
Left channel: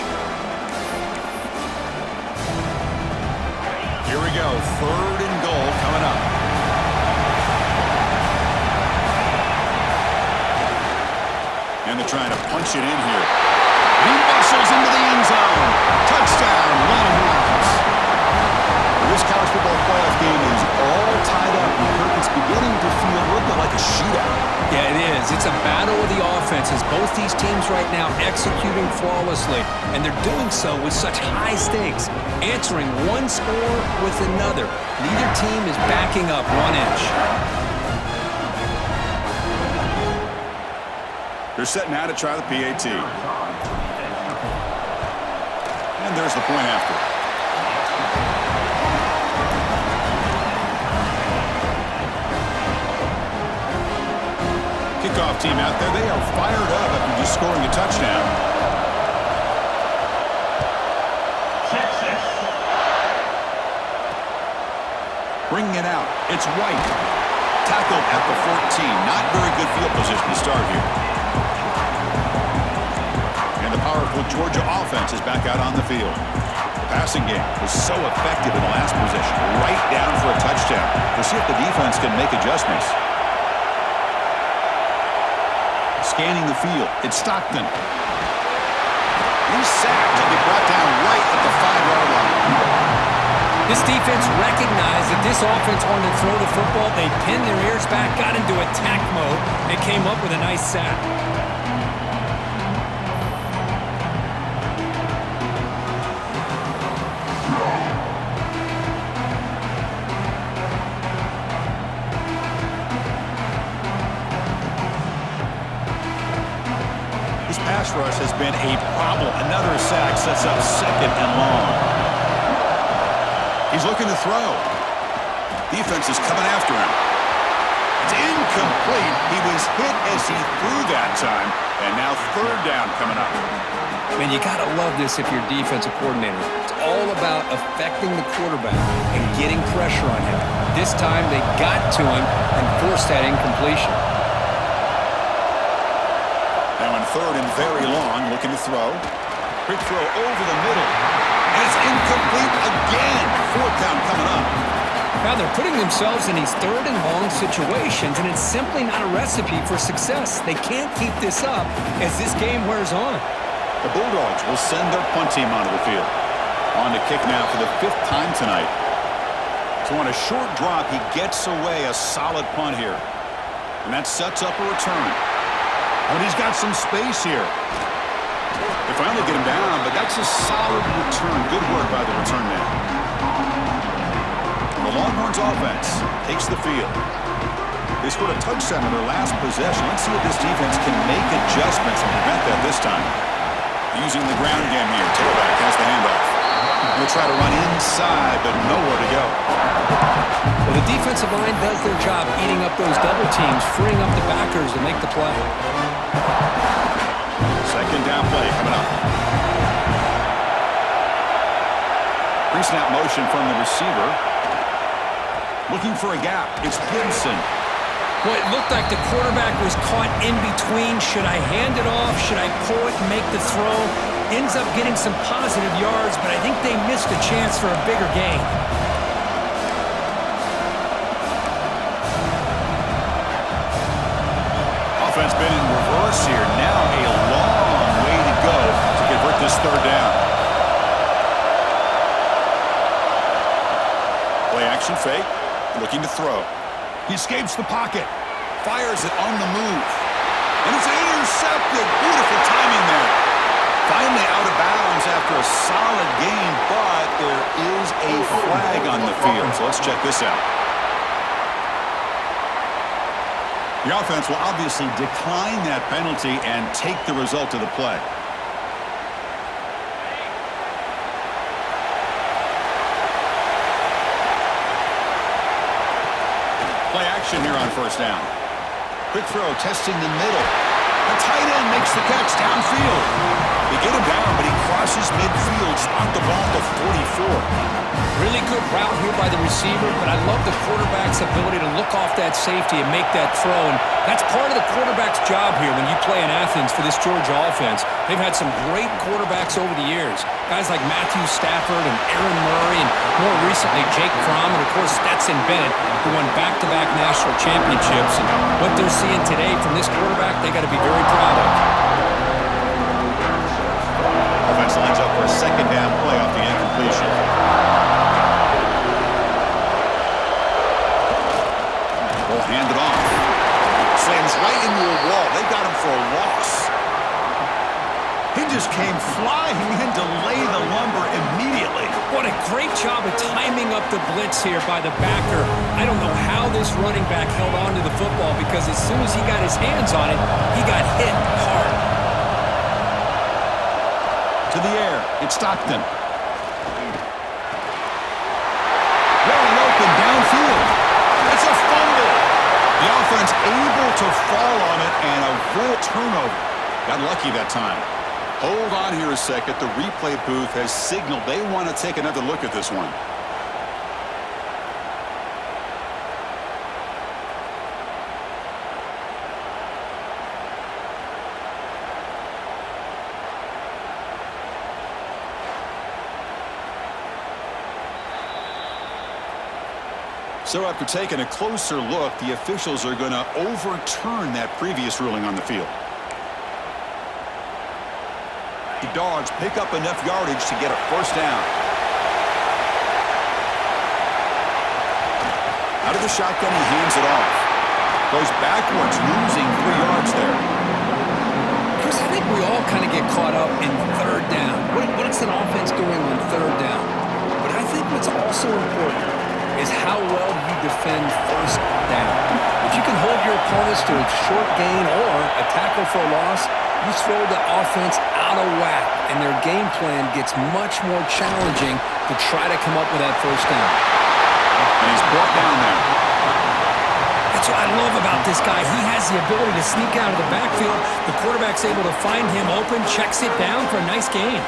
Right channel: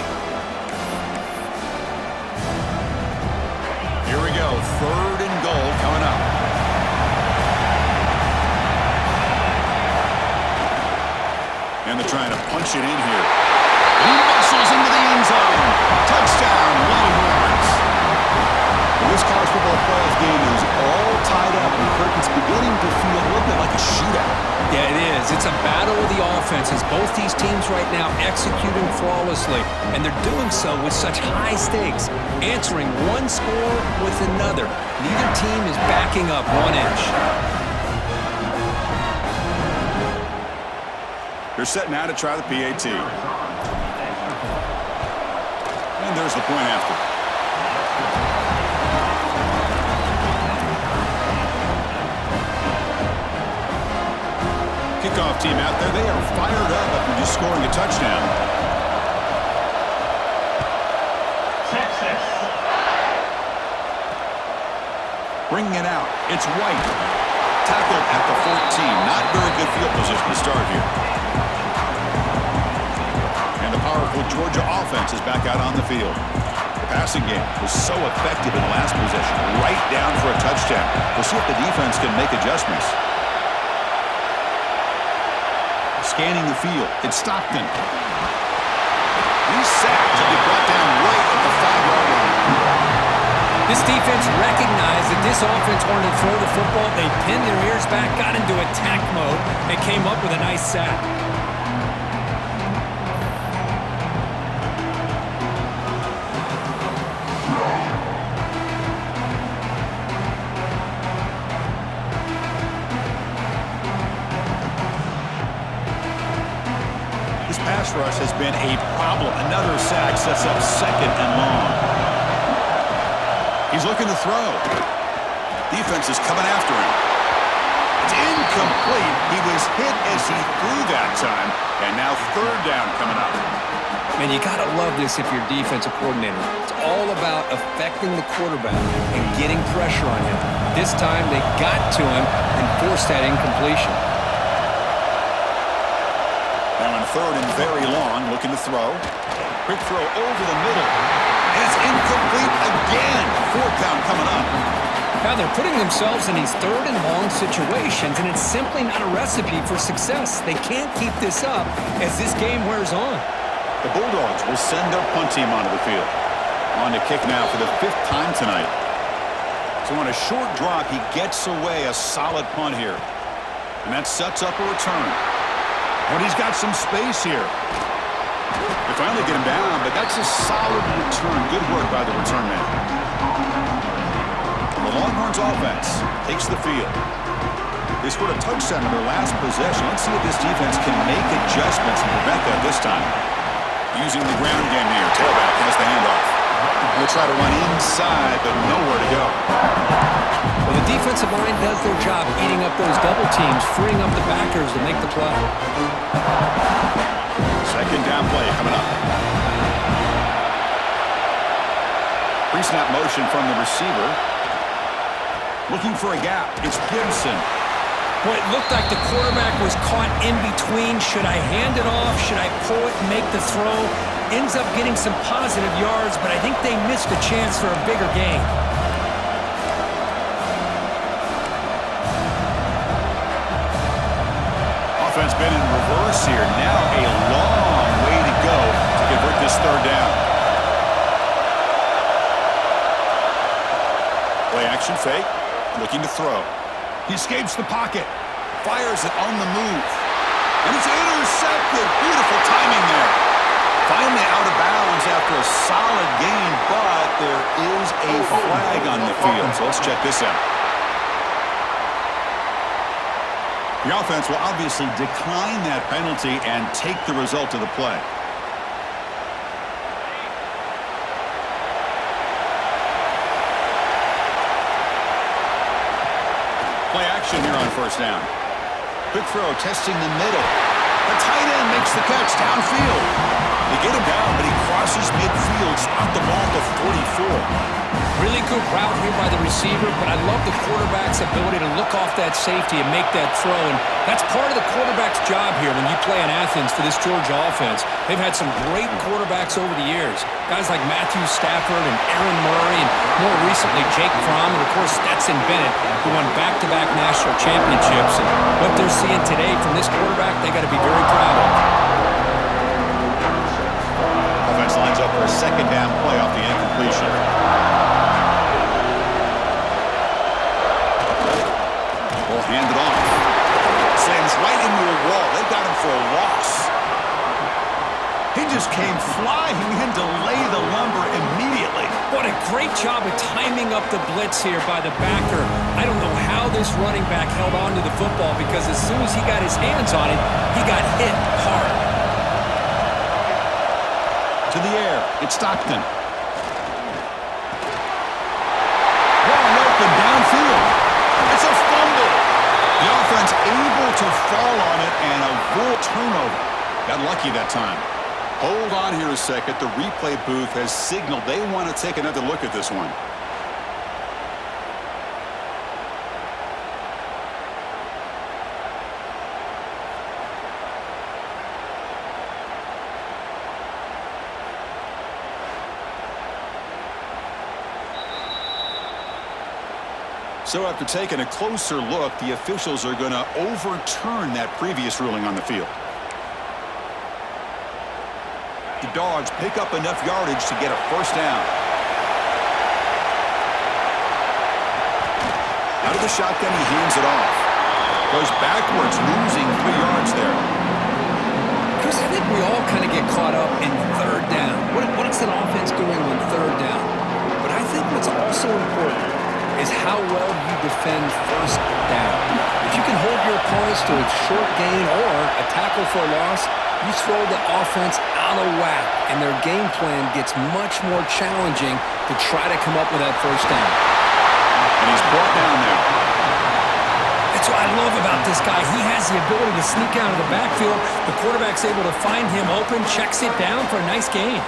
Here we go, third and goal coming up. And they're trying to punch it in here. And he muscles into the end zone. Touchdown, Longhorns. Well, this college football playoff game is all tied up, and Kirk, it's beginning to feel a little bit like a shootout. Yeah, it is. It's a battle of the offenses. Both these teams right now executing flawlessly, and they're doing so with such high stakes, answering one score with another. Neither team is backing up 1 inch. They're set now to try the PAT. And there's the point after. Kickoff team out there. They are fired up after just scoring a touchdown. Texas. Bringing it out. It's White. Tackled at the 14. Not very good field position to start here. And the powerful Georgia offense is back out on the field. The passing game was so effective in the last possession. Right down for a touchdown. We'll see if the defense can make adjustments. Scanning the field. It's Stockton. He's sacked and be brought down right at the 5-yard line. This defense recognized that this offense wanted to throw the football. They pinned their ears back, got into attack mode, and came up with a nice sack. This pass rush has been a problem. Another sack sets up second and long. He's looking to throw. Defense is coming after him. It's incomplete. He was hit as he threw that time. And now third down coming up. Man, you got to love this if you're a defensive coordinator. It's all about affecting the quarterback and getting pressure on him. This time they got to him and forced that incompletion. Now on third and very long, looking to throw. Quick throw over the middle. And it's incomplete again. Fourth down coming up. Now they're putting themselves in these third and long situations, and it's simply not a recipe for success. They can't keep this up as this game wears on. The Bulldogs will send their punt team onto the field. On to kick now for the 5th time tonight. So on a short drop, he gets away a solid punt here. And that sets up a return. And he's got some space here. They finally get him down, but that's a solid return. Good work by the return man. The Longhorns offense takes the field. They scored a touchdown in their last possession. Let's see if this defense can make adjustments and prevent that this time. Using the ground game here. Tailback has the handoff. They'll try to run inside, but nowhere to go. Well, the defensive line does their job eating up those double teams, freeing up the backers to make the play. Second down play coming up. Pre-snap motion from the receiver. Looking for a gap. It's Gibson. Boy, it looked like the quarterback was caught in between. Should I hand it off? Should I pull it and make the throw? Ends up getting some positive yards, but I think they missed a chance for a bigger gain. Offense been in reverse here. Now a long way to go to convert this third down. Play action fake. Looking to throw. He escapes the pocket. Fires it on the move. And it's intercepted. Beautiful timing there. Finally out of bounds after a solid gain, but there is a flag on the field. So let's check this out. The offense will obviously decline that penalty and take the result of the play. Play action here on first down. Quick throw, testing the middle. The tight end makes the catch downfield. They get him down, but he crosses midfield, spot the ball to 44. Really good route here by the receiver, but I love the quarterback's ability to look off that safety and make that throw. And that's part of the quarterback's job here when you play in Athens for this Georgia offense. They've had some great quarterbacks over the years. Guys like Matthew Stafford and Aaron Murray, and more recently Jake Fromm, and of course Stetson Bennett, who won back-to-back national championships. And what they're seeing today from this quarterback, they got to be very proud of. Offense lines up for a second down play off the incompletion. Ball handed off. Slams right into a wall. They got him for a loss. He just came flying in to lay the lumber immediately. What a great job of timing up the blitz here by the backer. I don't know how this running back held on to the football, because as soon as he got his hands on it, he got hit hard. To the air, it's Stockton. Wide open downfield. It's a fumble. The offense able to fall on it and avoid turnover. Got lucky that time. Hold on here a second. The replay booth has signaled they want to take another look at this one. So after taking a closer look, the officials are going to overturn that previous ruling on the field. The Dogs pick up enough yardage to get a first down. Out of the shotgun, he hands it off. Goes backwards, losing 3 yards there. Chris, I think we all kind of get caught up in third down. What's an offense doing on third down? But I think what's also important is how well you defend first down. If you can hold your opponents to a short gain or a tackle for a loss, you throw the offense out of whack, and their game plan gets much more challenging to try to come up with that first down. And he's brought down there. That's what I love about this guy. He has the ability to sneak out of the backfield. The quarterback's able to find him open, checks it down for a nice gain.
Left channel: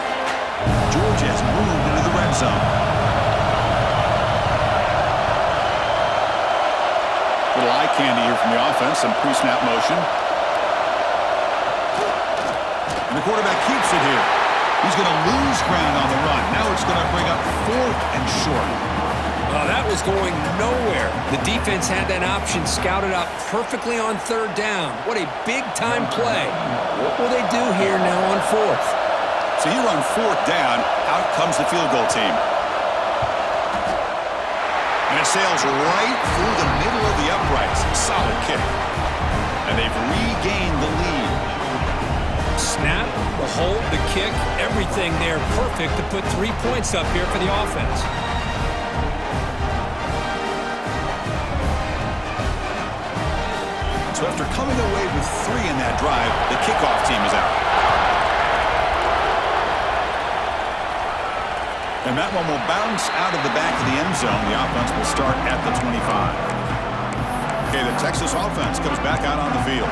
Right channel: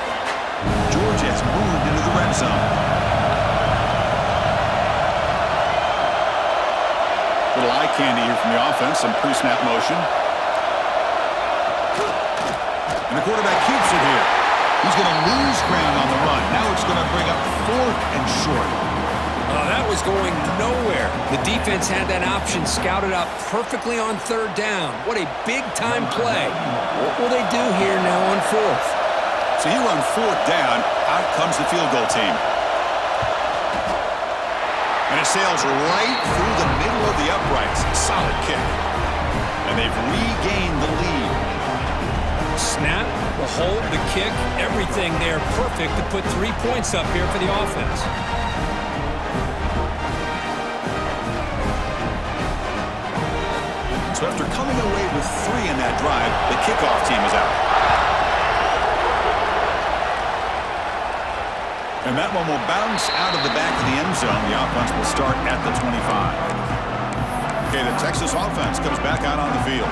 Georgia has moved into the red zone. Little eye candy here from the offense, some pre-snap motion. And the quarterback keeps it here. He's going to lose ground on the run. Now it's going to bring up 4th and short. That was going nowhere. The defense had that option scouted out perfectly on third down. What a big-time play. What will they do here now on 4th? So here on 4th down, out comes the field goal team. And it sails right through the middle of the uprights. Solid kick. And they've regained the lead. Snap, the hold, the kick, everything there perfect to put 3 points up here for the offense. So after coming away with 3 in that drive, the kickoff team is out. And that one will bounce out of the back of the end zone. The offense will start at the 25. Okay, the Texas offense comes back out on the field.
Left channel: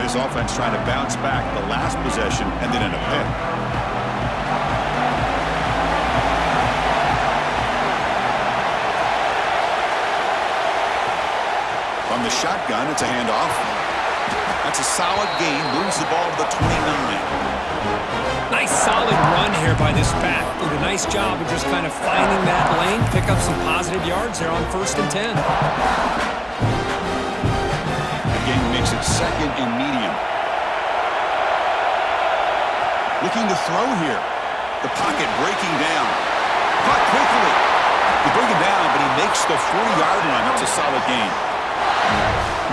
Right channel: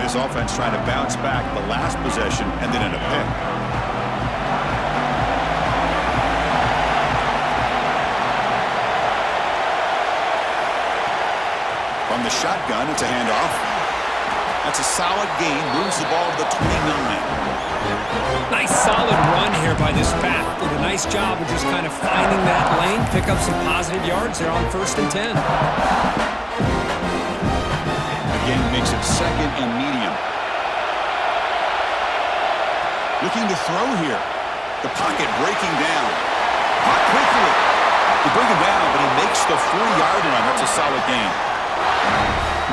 This offense trying to bounce back the last possession and then in a pick. From the shotgun, it's a handoff. That's a solid gain, moves the ball to the 29. Nice solid run here by this back. Did a nice job of just kind of finding that lane, pick up some positive yards there on 1st and 10. Again, makes it 2nd and medium. Looking to throw here. The pocket breaking down. Caught quickly. They bring him down, but he makes the 40-yard line. That's a solid gain.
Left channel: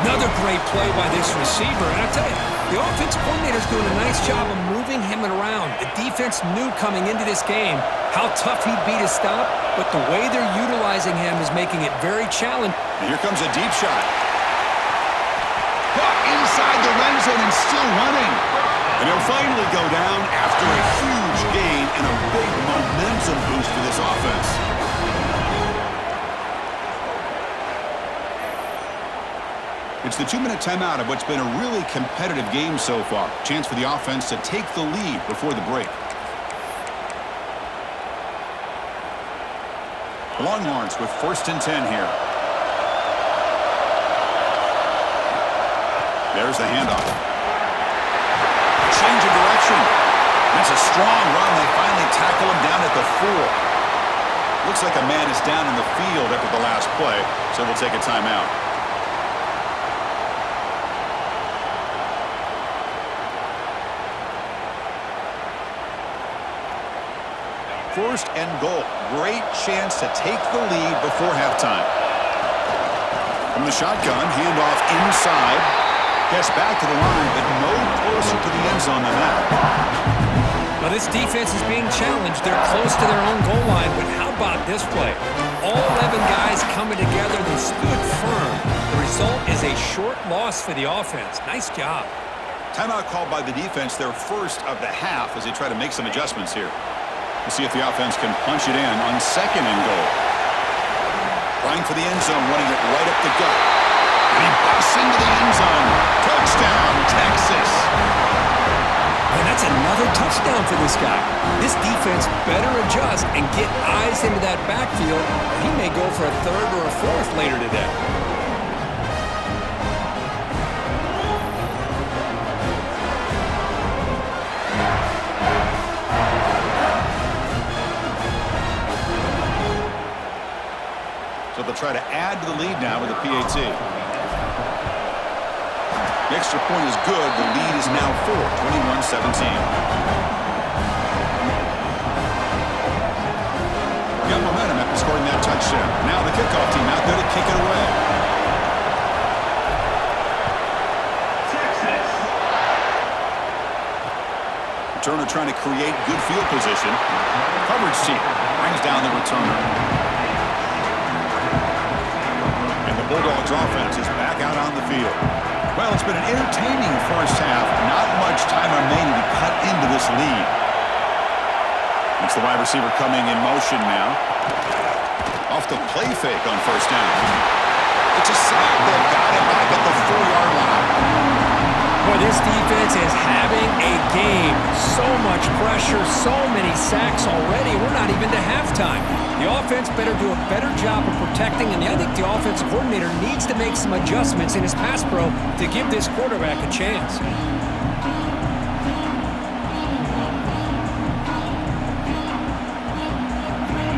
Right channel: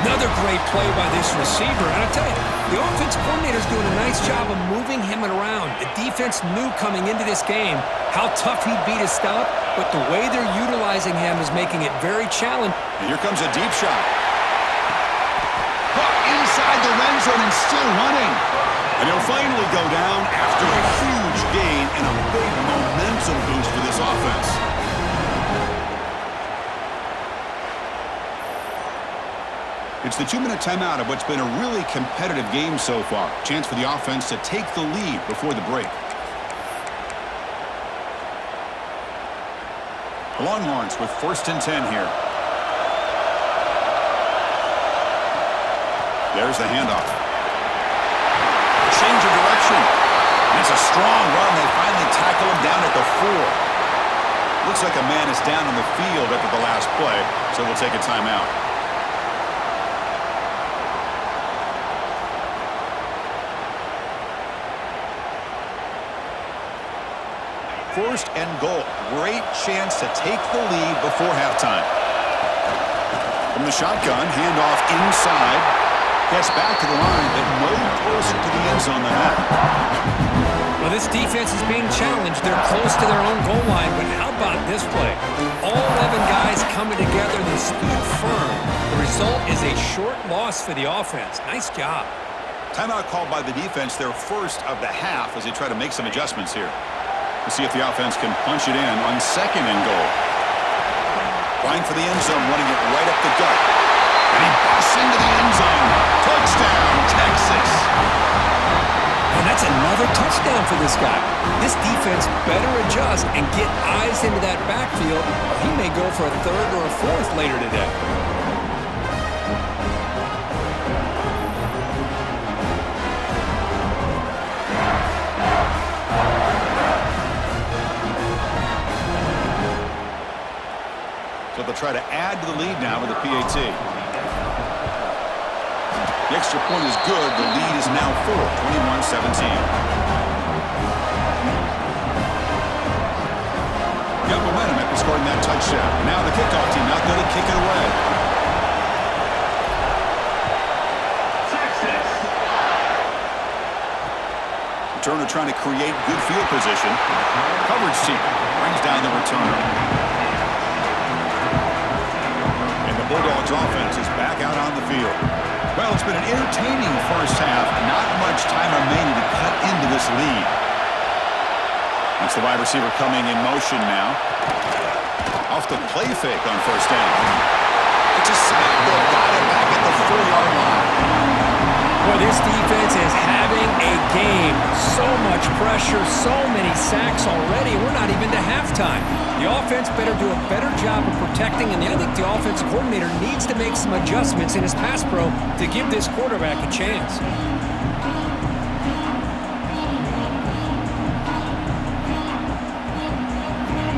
Another great play by this receiver. And I tell you, the offense coordinator's doing a nice job of moving him around. The defense knew coming into this game how tough he'd be to stop, but the way they're utilizing him is making it very challenging. And here comes a deep shot. Caught inside the red zone and still running. And he'll finally go down after a huge gain and a big momentum boost for this offense. It's the 2-minute timeout of what's been a really competitive game so far. Chance for the offense to take the lead before the break. The Longhorns with 1st and 10 here. There's the handoff. Change of direction. That's a strong run. They finally tackle him down at the 4. Looks like a man is down in the field after the last play, so we'll take a timeout. First and goal. Great chance to take the lead before halftime. From the shotgun, handoff inside. Gets back to the line, but no closer to the end zone than that. Well, this defense is being challenged. They're close to their own goal line, but how about this play? All 11 guys coming together. They stood firm. The result is a short loss for the offense. Nice job. Timeout called by the defense, their first of the half, as they try to make some adjustments here. We'll see if the offense can punch it in on 2nd and goal. Trying for the end zone, running it right up the gut. And he busts into the end zone. Touchdown, Texas. And that's another touchdown for this guy. This defense better adjust and get eyes into that backfield, or he may go for a 3rd or a 4th later today. So they'll try to add to the lead now with a PAT. The extra point is good. The lead is now 4, 21-17. Got momentum after scoring that touchdown. Now the kickoff team out there to kick it away. Texas. Returner trying to create good field position. Coverage team brings down the returner. The Bulldogs offense is back out on the field. Well, it's been an entertaining first half. Not much time remaining to cut into this lead. It's the wide receiver coming in motion now. Off the play fake on 1st down. It's a sack. They've got it back at the 4-yard line. Boy, this defense is having a game. So much pressure, so many sacks already. We're not even to halftime. The offense better do a better job of protecting, and I think the offensive coordinator needs to make some adjustments in his pass pro to give this quarterback a chance.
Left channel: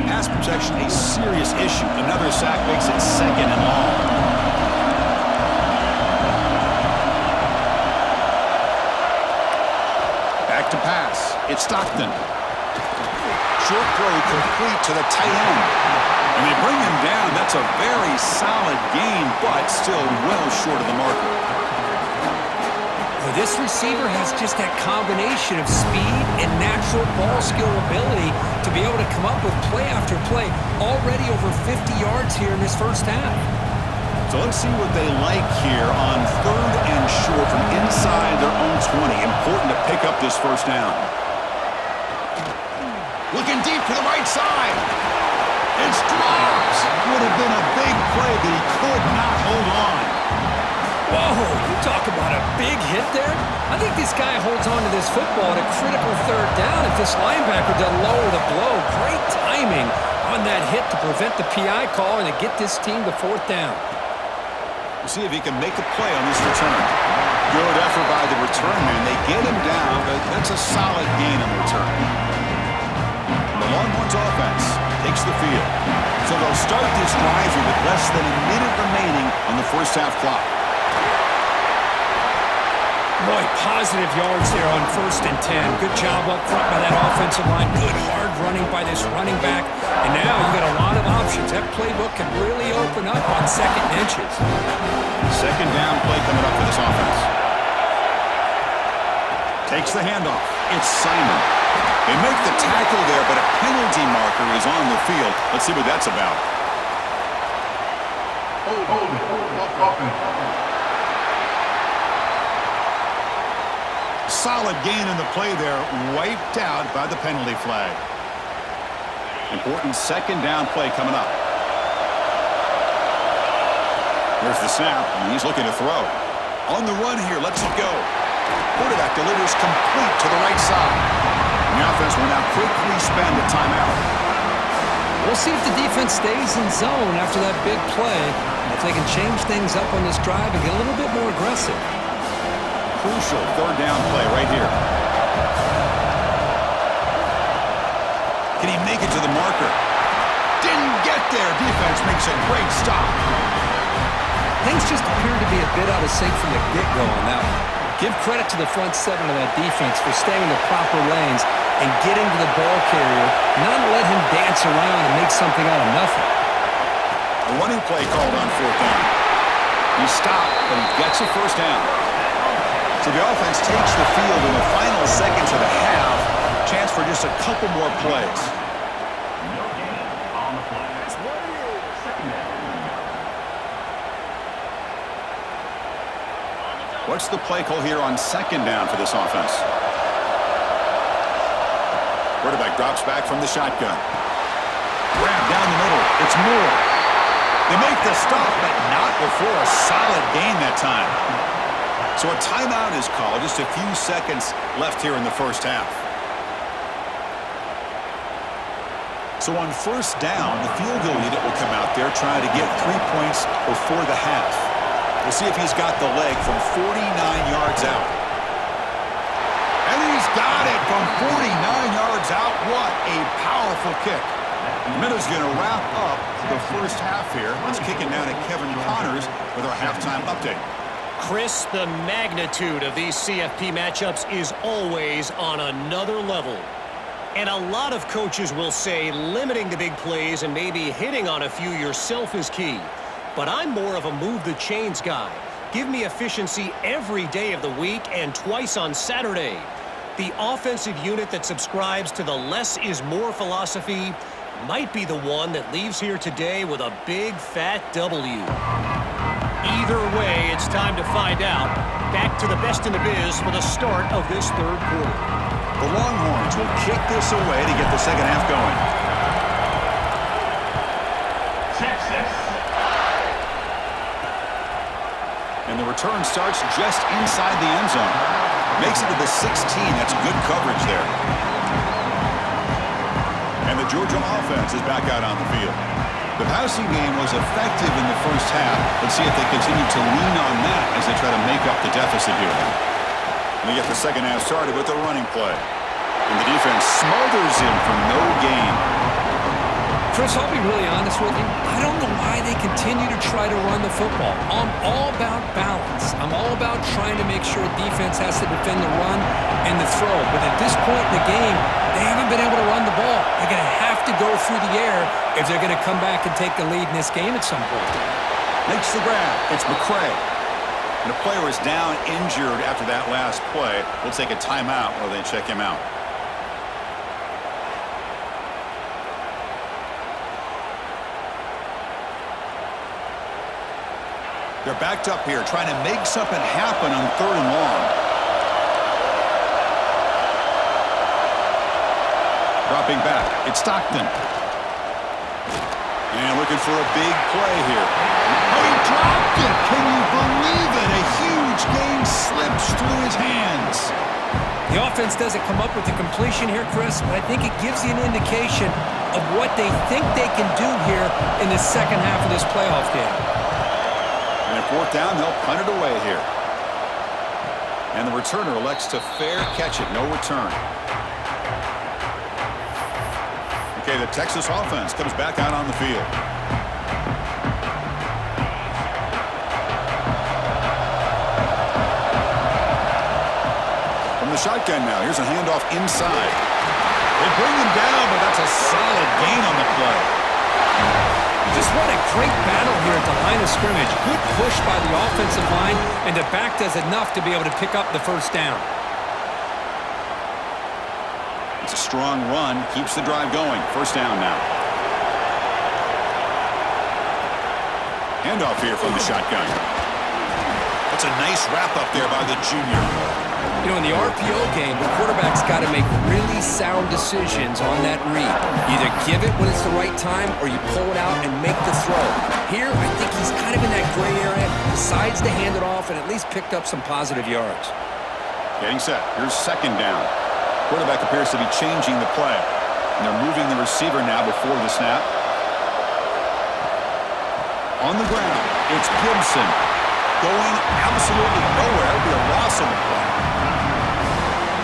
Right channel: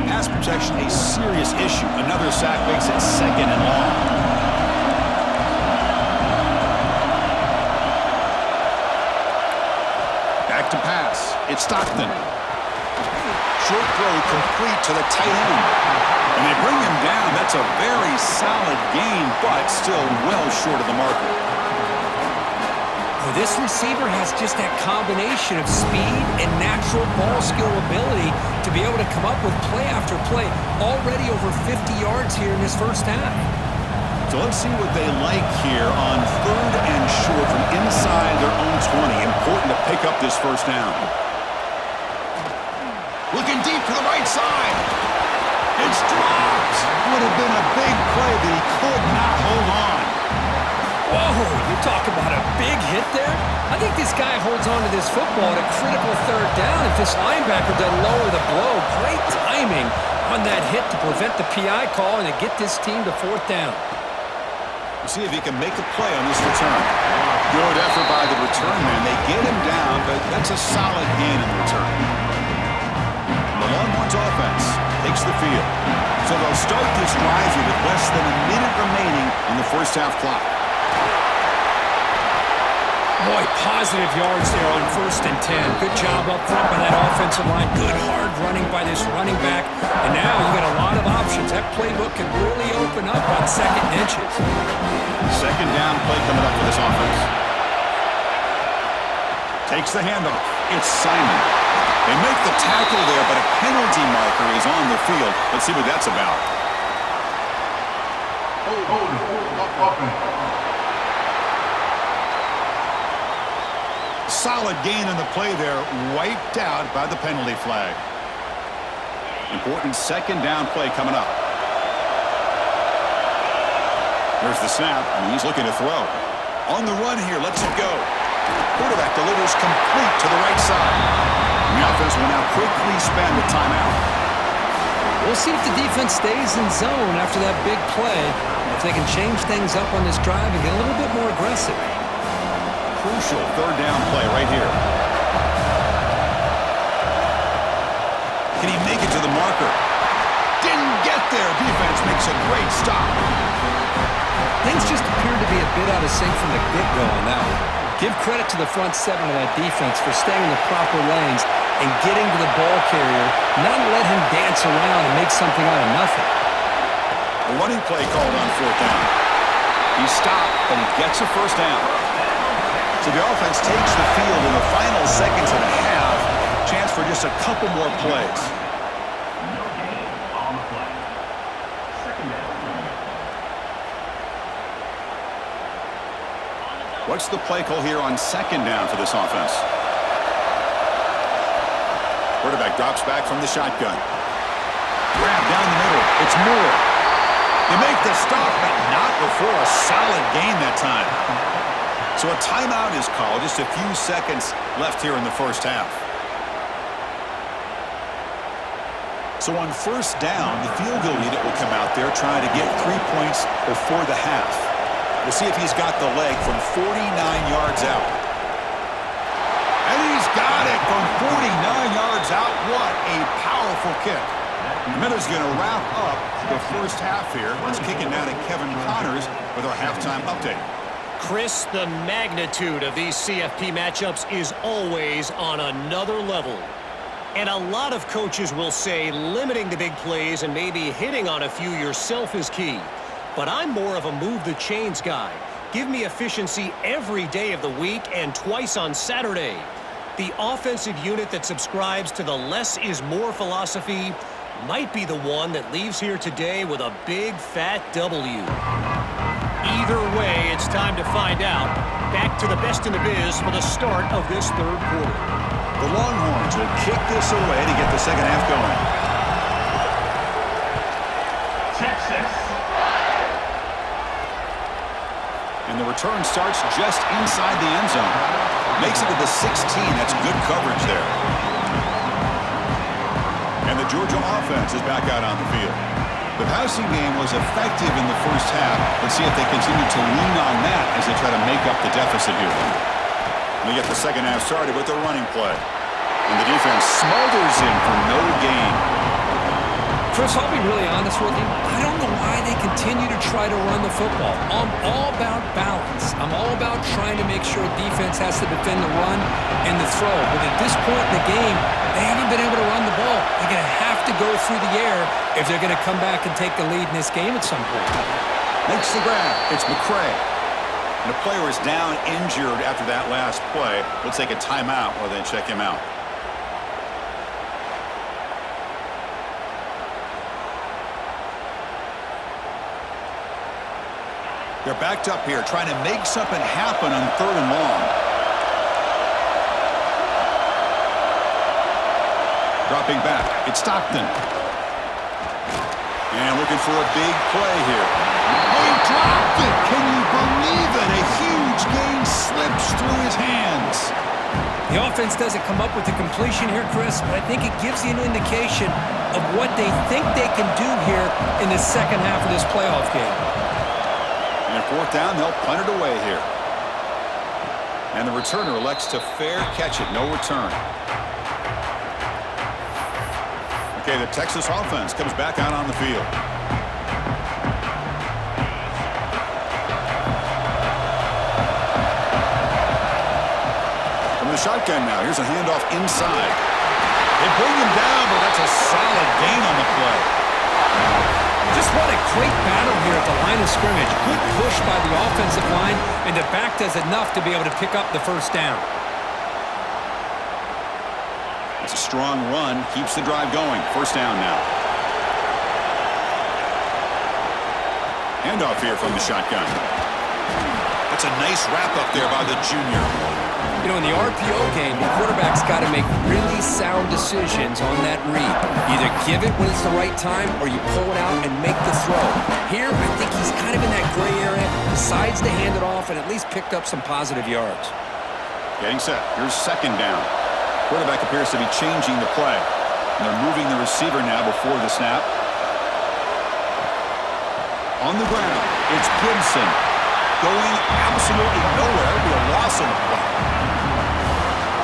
Pass protection, a serious issue. Another sack makes it 2nd and long. Back to pass. It's Stockton. Short throw complete to the tight end. And they bring him down. That's a very solid gain, but still well short of the marker. Well, this receiver has just that combination of speed and natural ball skill ability to be able to come up with play after play. Already over 50 yards here in this first half. So let's see what they like here on 3rd and short from inside their own 20. Important to pick up this first down. Looking deep to the right side. It's dropped. Would have been a big play, but he could not hold on. Whoa, you talk about a big hit there. I think this guy holds on to this football at a critical 3rd down if this linebacker doesn't lower the blow. Great timing on that hit to prevent the PI call and to get this team to 4th down. We'll see if he can make a play on this return. Good effort by the return man. They get him down, but that's a solid gain on the return. And the Longhorns offense takes the field. So they'll start this drive here with less than a minute remaining on the first half clock. Boy, positive yards there on 1st and 10. Good job up front by that offensive line. Good hard running by this running back. And now you got a lot of options. That playbook can really open up on 2nd and inches. 2nd down play coming up for this offense. Takes the handoff. It's Simon. They make the tackle there, but a penalty marker is on the field. Let's see what that's about. Hold it. Solid gain on the play there, wiped out by the penalty flag. Important 2nd down play coming up. Here's the snap, and he's looking to throw. On the run here, lets it go. Quarterback delivers complete to the right side. And the offense will now quickly spend a timeout. We'll see if the defense stays in zone after that big play, and if they can change things up on this drive and get a little bit more aggressive. Crucial third down play right here. Can he make it to the marker? Didn't get there. Defense makes a great stop. Things just appeared to be a bit out of sync from the get-go on that one. Give credit to the front seven of that defense for staying in the proper lanes and getting to the ball carrier, not let him dance around and make something out of nothing. A running play called on fourth down. He stopped, but he gets a first down. So the offense takes the field in the final seconds of the half. Chance for just a couple more plays. No gain on the play. Second down coming up. What's the play call here on second down for this offense? Quarterback drops back from the shotgun. Grab down the middle. It's Moore. They make the stop, but not before a solid gain that time. So a timeout is called. Just a few seconds left here in the first half. So on first down, the field goal unit will come out there trying to get 3 points before the half. We'll see if he's got the leg from 49 yards out. And he's got it from 49 yards out. What a powerful kick. The Minnows going to wrap up the first half here. Let's kick it now to Kevin Connors with our halftime update. Chris, the magnitude of these CFP matchups is always on another level. And a lot of coaches will say limiting the big plays and maybe hitting on a few yourself is key. But I'm more of a move the chains guy. Give me efficiency every day of the week and twice on Saturday. The offensive unit that subscribes to the less is more philosophy might be the one that leaves here today with a big fat W. Either way, it's time to find out. Back to the best in the biz for the start of this third quarter. The Longhorns will kick this away to get the second half going. Texas. And the return starts just inside the end zone. Makes it to the 16. That's good coverage there. And the Georgia offense is back out on the field. The passing game was effective in the first half. Let's see if they continue to lean on that as they try to make up the deficit here. They get the second half started with a running play. And the defense smothers him for no gain. Chris, I'll be really honest with you. I don't know why they continue to try to run the football. I'm all about balance. I'm all about trying to make sure defense has to defend the run and the throw. But at this point in the game, they haven't been able to run the ball. They're going to have to go through the air if they're going to come back and take the lead in this game at some point. Makes the grab. It's McCray. And a player is down injured after that last play. We'll take a timeout while they check him out. They're backed up here, trying to make something happen on third and long. Dropping back, it's Stockton. And looking for a big play here. Oh, he dropped it! Can you believe it? A huge gain slips through his hands. The offense doesn't come up with the completion here, Chris, but I think it gives you an indication of what they think they can do here in the second half of this playoff game. And at fourth down, they'll punt it away here. And the returner elects to fair catch it. No return. Okay, the Texas offense comes back out on the field. From the shotgun now, here's a handoff inside. They bring him down, but that's a solid gain on the play. Just what a great battle here at the line of scrimmage. Good push by the offensive line, and the back does enough to be able to pick up the first down. It's a strong run, keeps the drive going. First down now. Handoff here from the shotgun. That's a nice wrap up there by the junior. You know, in the RPO game, the quarterback's got to make really sound decisions on that read. Either give it when it's the right time or you pull it out and make the throw. Here, I think he's kind of in that gray area, decides to hand it off and at least picked up some positive yards. Getting set. Here's second down. Quarterback appears to be changing the play. And they're moving the receiver now before the snap. On the ground, it's Gibson. Going absolutely nowhere. It'll be a loss on the play.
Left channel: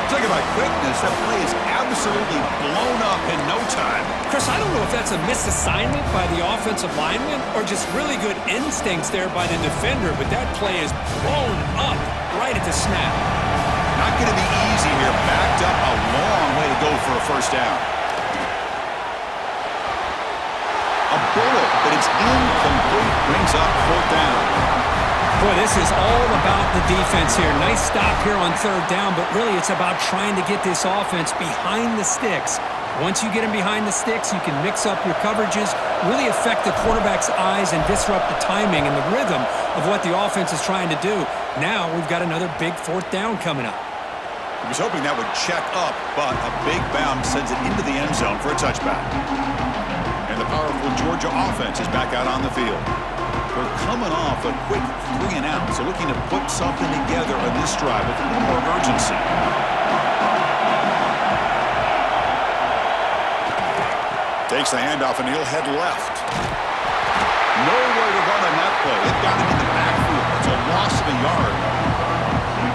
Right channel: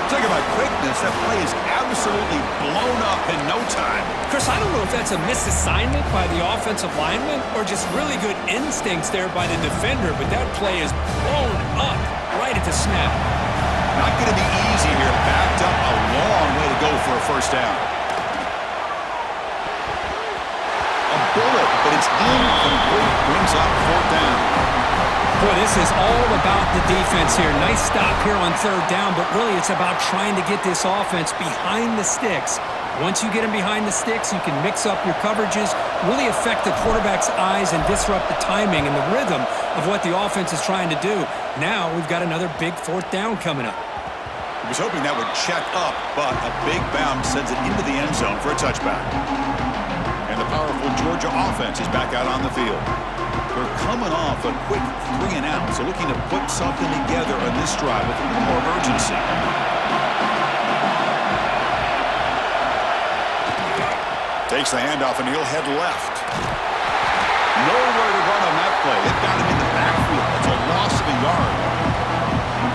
Talk about quickness. That play is absolutely blown up in no time. Chris, I don't know if that's a misassignment by the offensive lineman or just really good instincts there by the defender, but that play is blown up right at the snap. Not going to be easy here. Backed up a long way to go for a first down. A bullet, but it's incomplete. Brings up fourth down. Boy, this is all about the defense here. Nice stop here on third down, but really it's about trying to get this offense behind the sticks. Once you get them behind the sticks, you can mix up your coverages, really affect the quarterback's eyes and disrupt the timing and the rhythm of what the offense is trying to do. Now we've got another big fourth down coming up. He was hoping that would check up, but a big bounce sends it into the end zone for a touchback. And the powerful Georgia offense is back out on the field. They're coming off a quick 3 and out, so looking to put something together on this drive with a little more urgency. Takes the handoff and he'll head left. Nowhere to run on that play. They've got him in the backfield. That's a loss of a yard.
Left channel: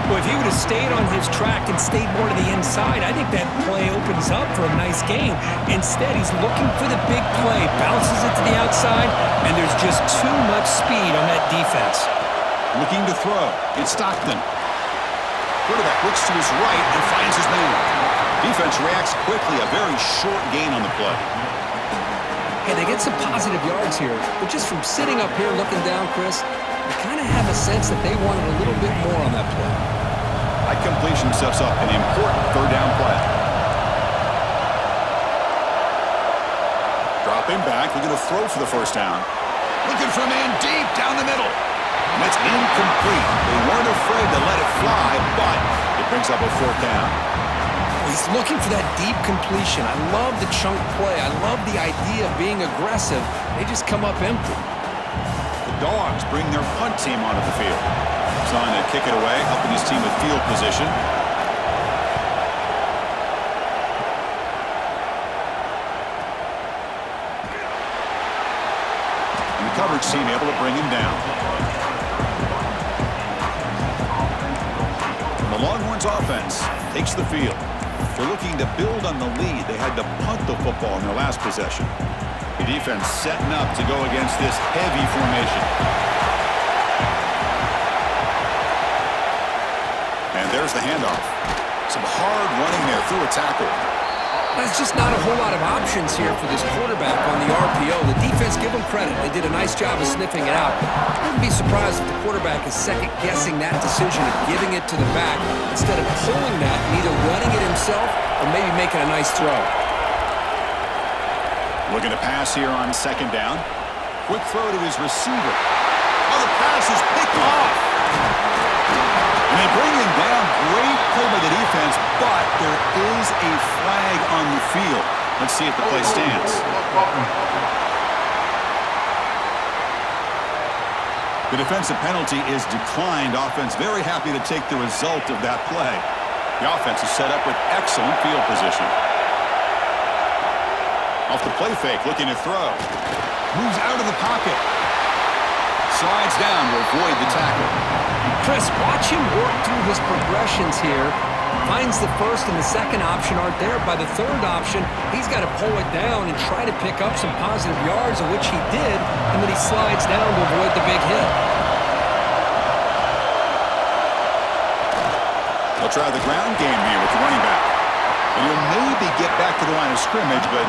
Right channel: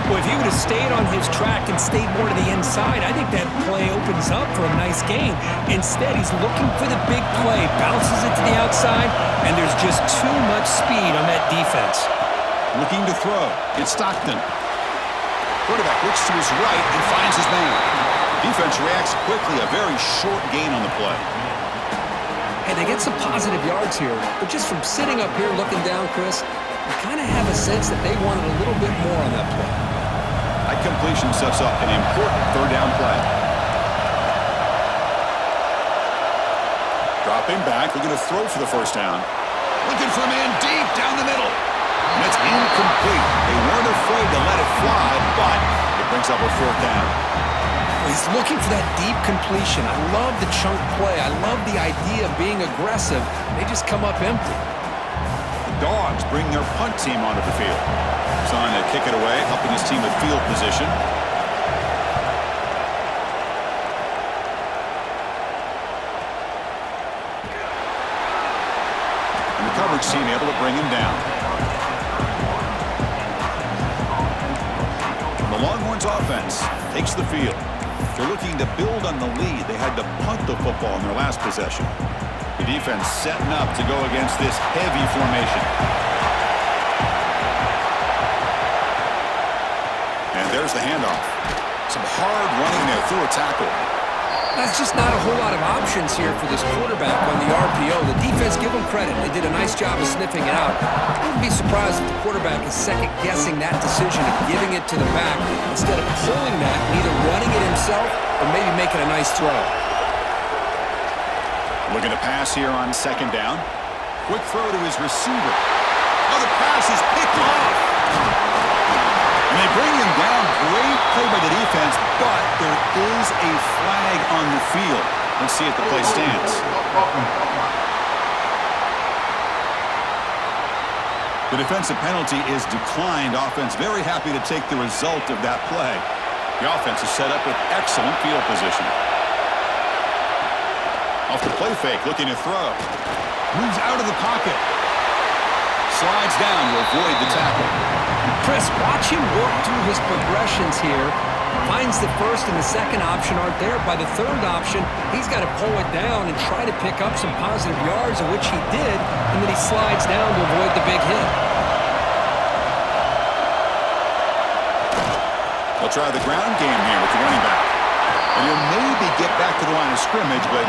Well, if he would have stayed on his track and stayed more to the inside, I think that play opens up for a nice gain. Instead, he's looking for the big play, bounces it to the outside, and there's just too much speed on that defense. Looking to throw. It's Stockton. Quarterback looks to his right and finds his man. Defense reacts quickly. A very short gain on the play. Hey, they get some positive yards here, but just from sitting up here looking down, Chris, you kind of have a sense that they wanted a little bit more on that play. That completion sets up an important third down play. Dropping back, looking to throw for the first down. Looking for a man deep down the middle. And it's incomplete. They weren't afraid to let it fly, but it brings up a fourth down. Well, he's looking for that deep completion. I love the chunk play. I love the idea of being aggressive. They just come up empty. The Dogs bring their punt team onto the field. Trying to kick it away, helping his team with field position. And the coverage team able to bring him down. And the Longhorns offense takes the field. They're looking to build on the lead. They had to punt the football in their last possession. The defense setting up to go against this heavy formation. And there's the handoff. Some hard running there through a tackle. That's just not a whole lot of options here for this quarterback on the RPO. The defense, give them credit. They did a nice job of sniffing it out. I wouldn't be surprised if the quarterback is second-guessing that decision of giving it to the back instead of pulling that and either running it himself or maybe making a nice throw. Looking to pass here on second down. Quick throw to his receiver. Oh, the pass is picked off. And they bring him down. Great play by the defense, but there is a flag on the field. Let's see if the play stands. The defensive penalty is declined. Offense very happy to take the result of that play. The offense is set up with excellent field position. Off the play fake, looking to throw. Moves out of the pocket. Slides down to avoid the tackle. Chris, watch him work through his progressions here. Finds the first and the second option aren't there. By the third option, he's got to pull it down and try to pick up some positive yards, of which he did, and then he slides down to avoid the big hit. They'll try the ground game here with the running back. And he'll maybe get back to the line of scrimmage, but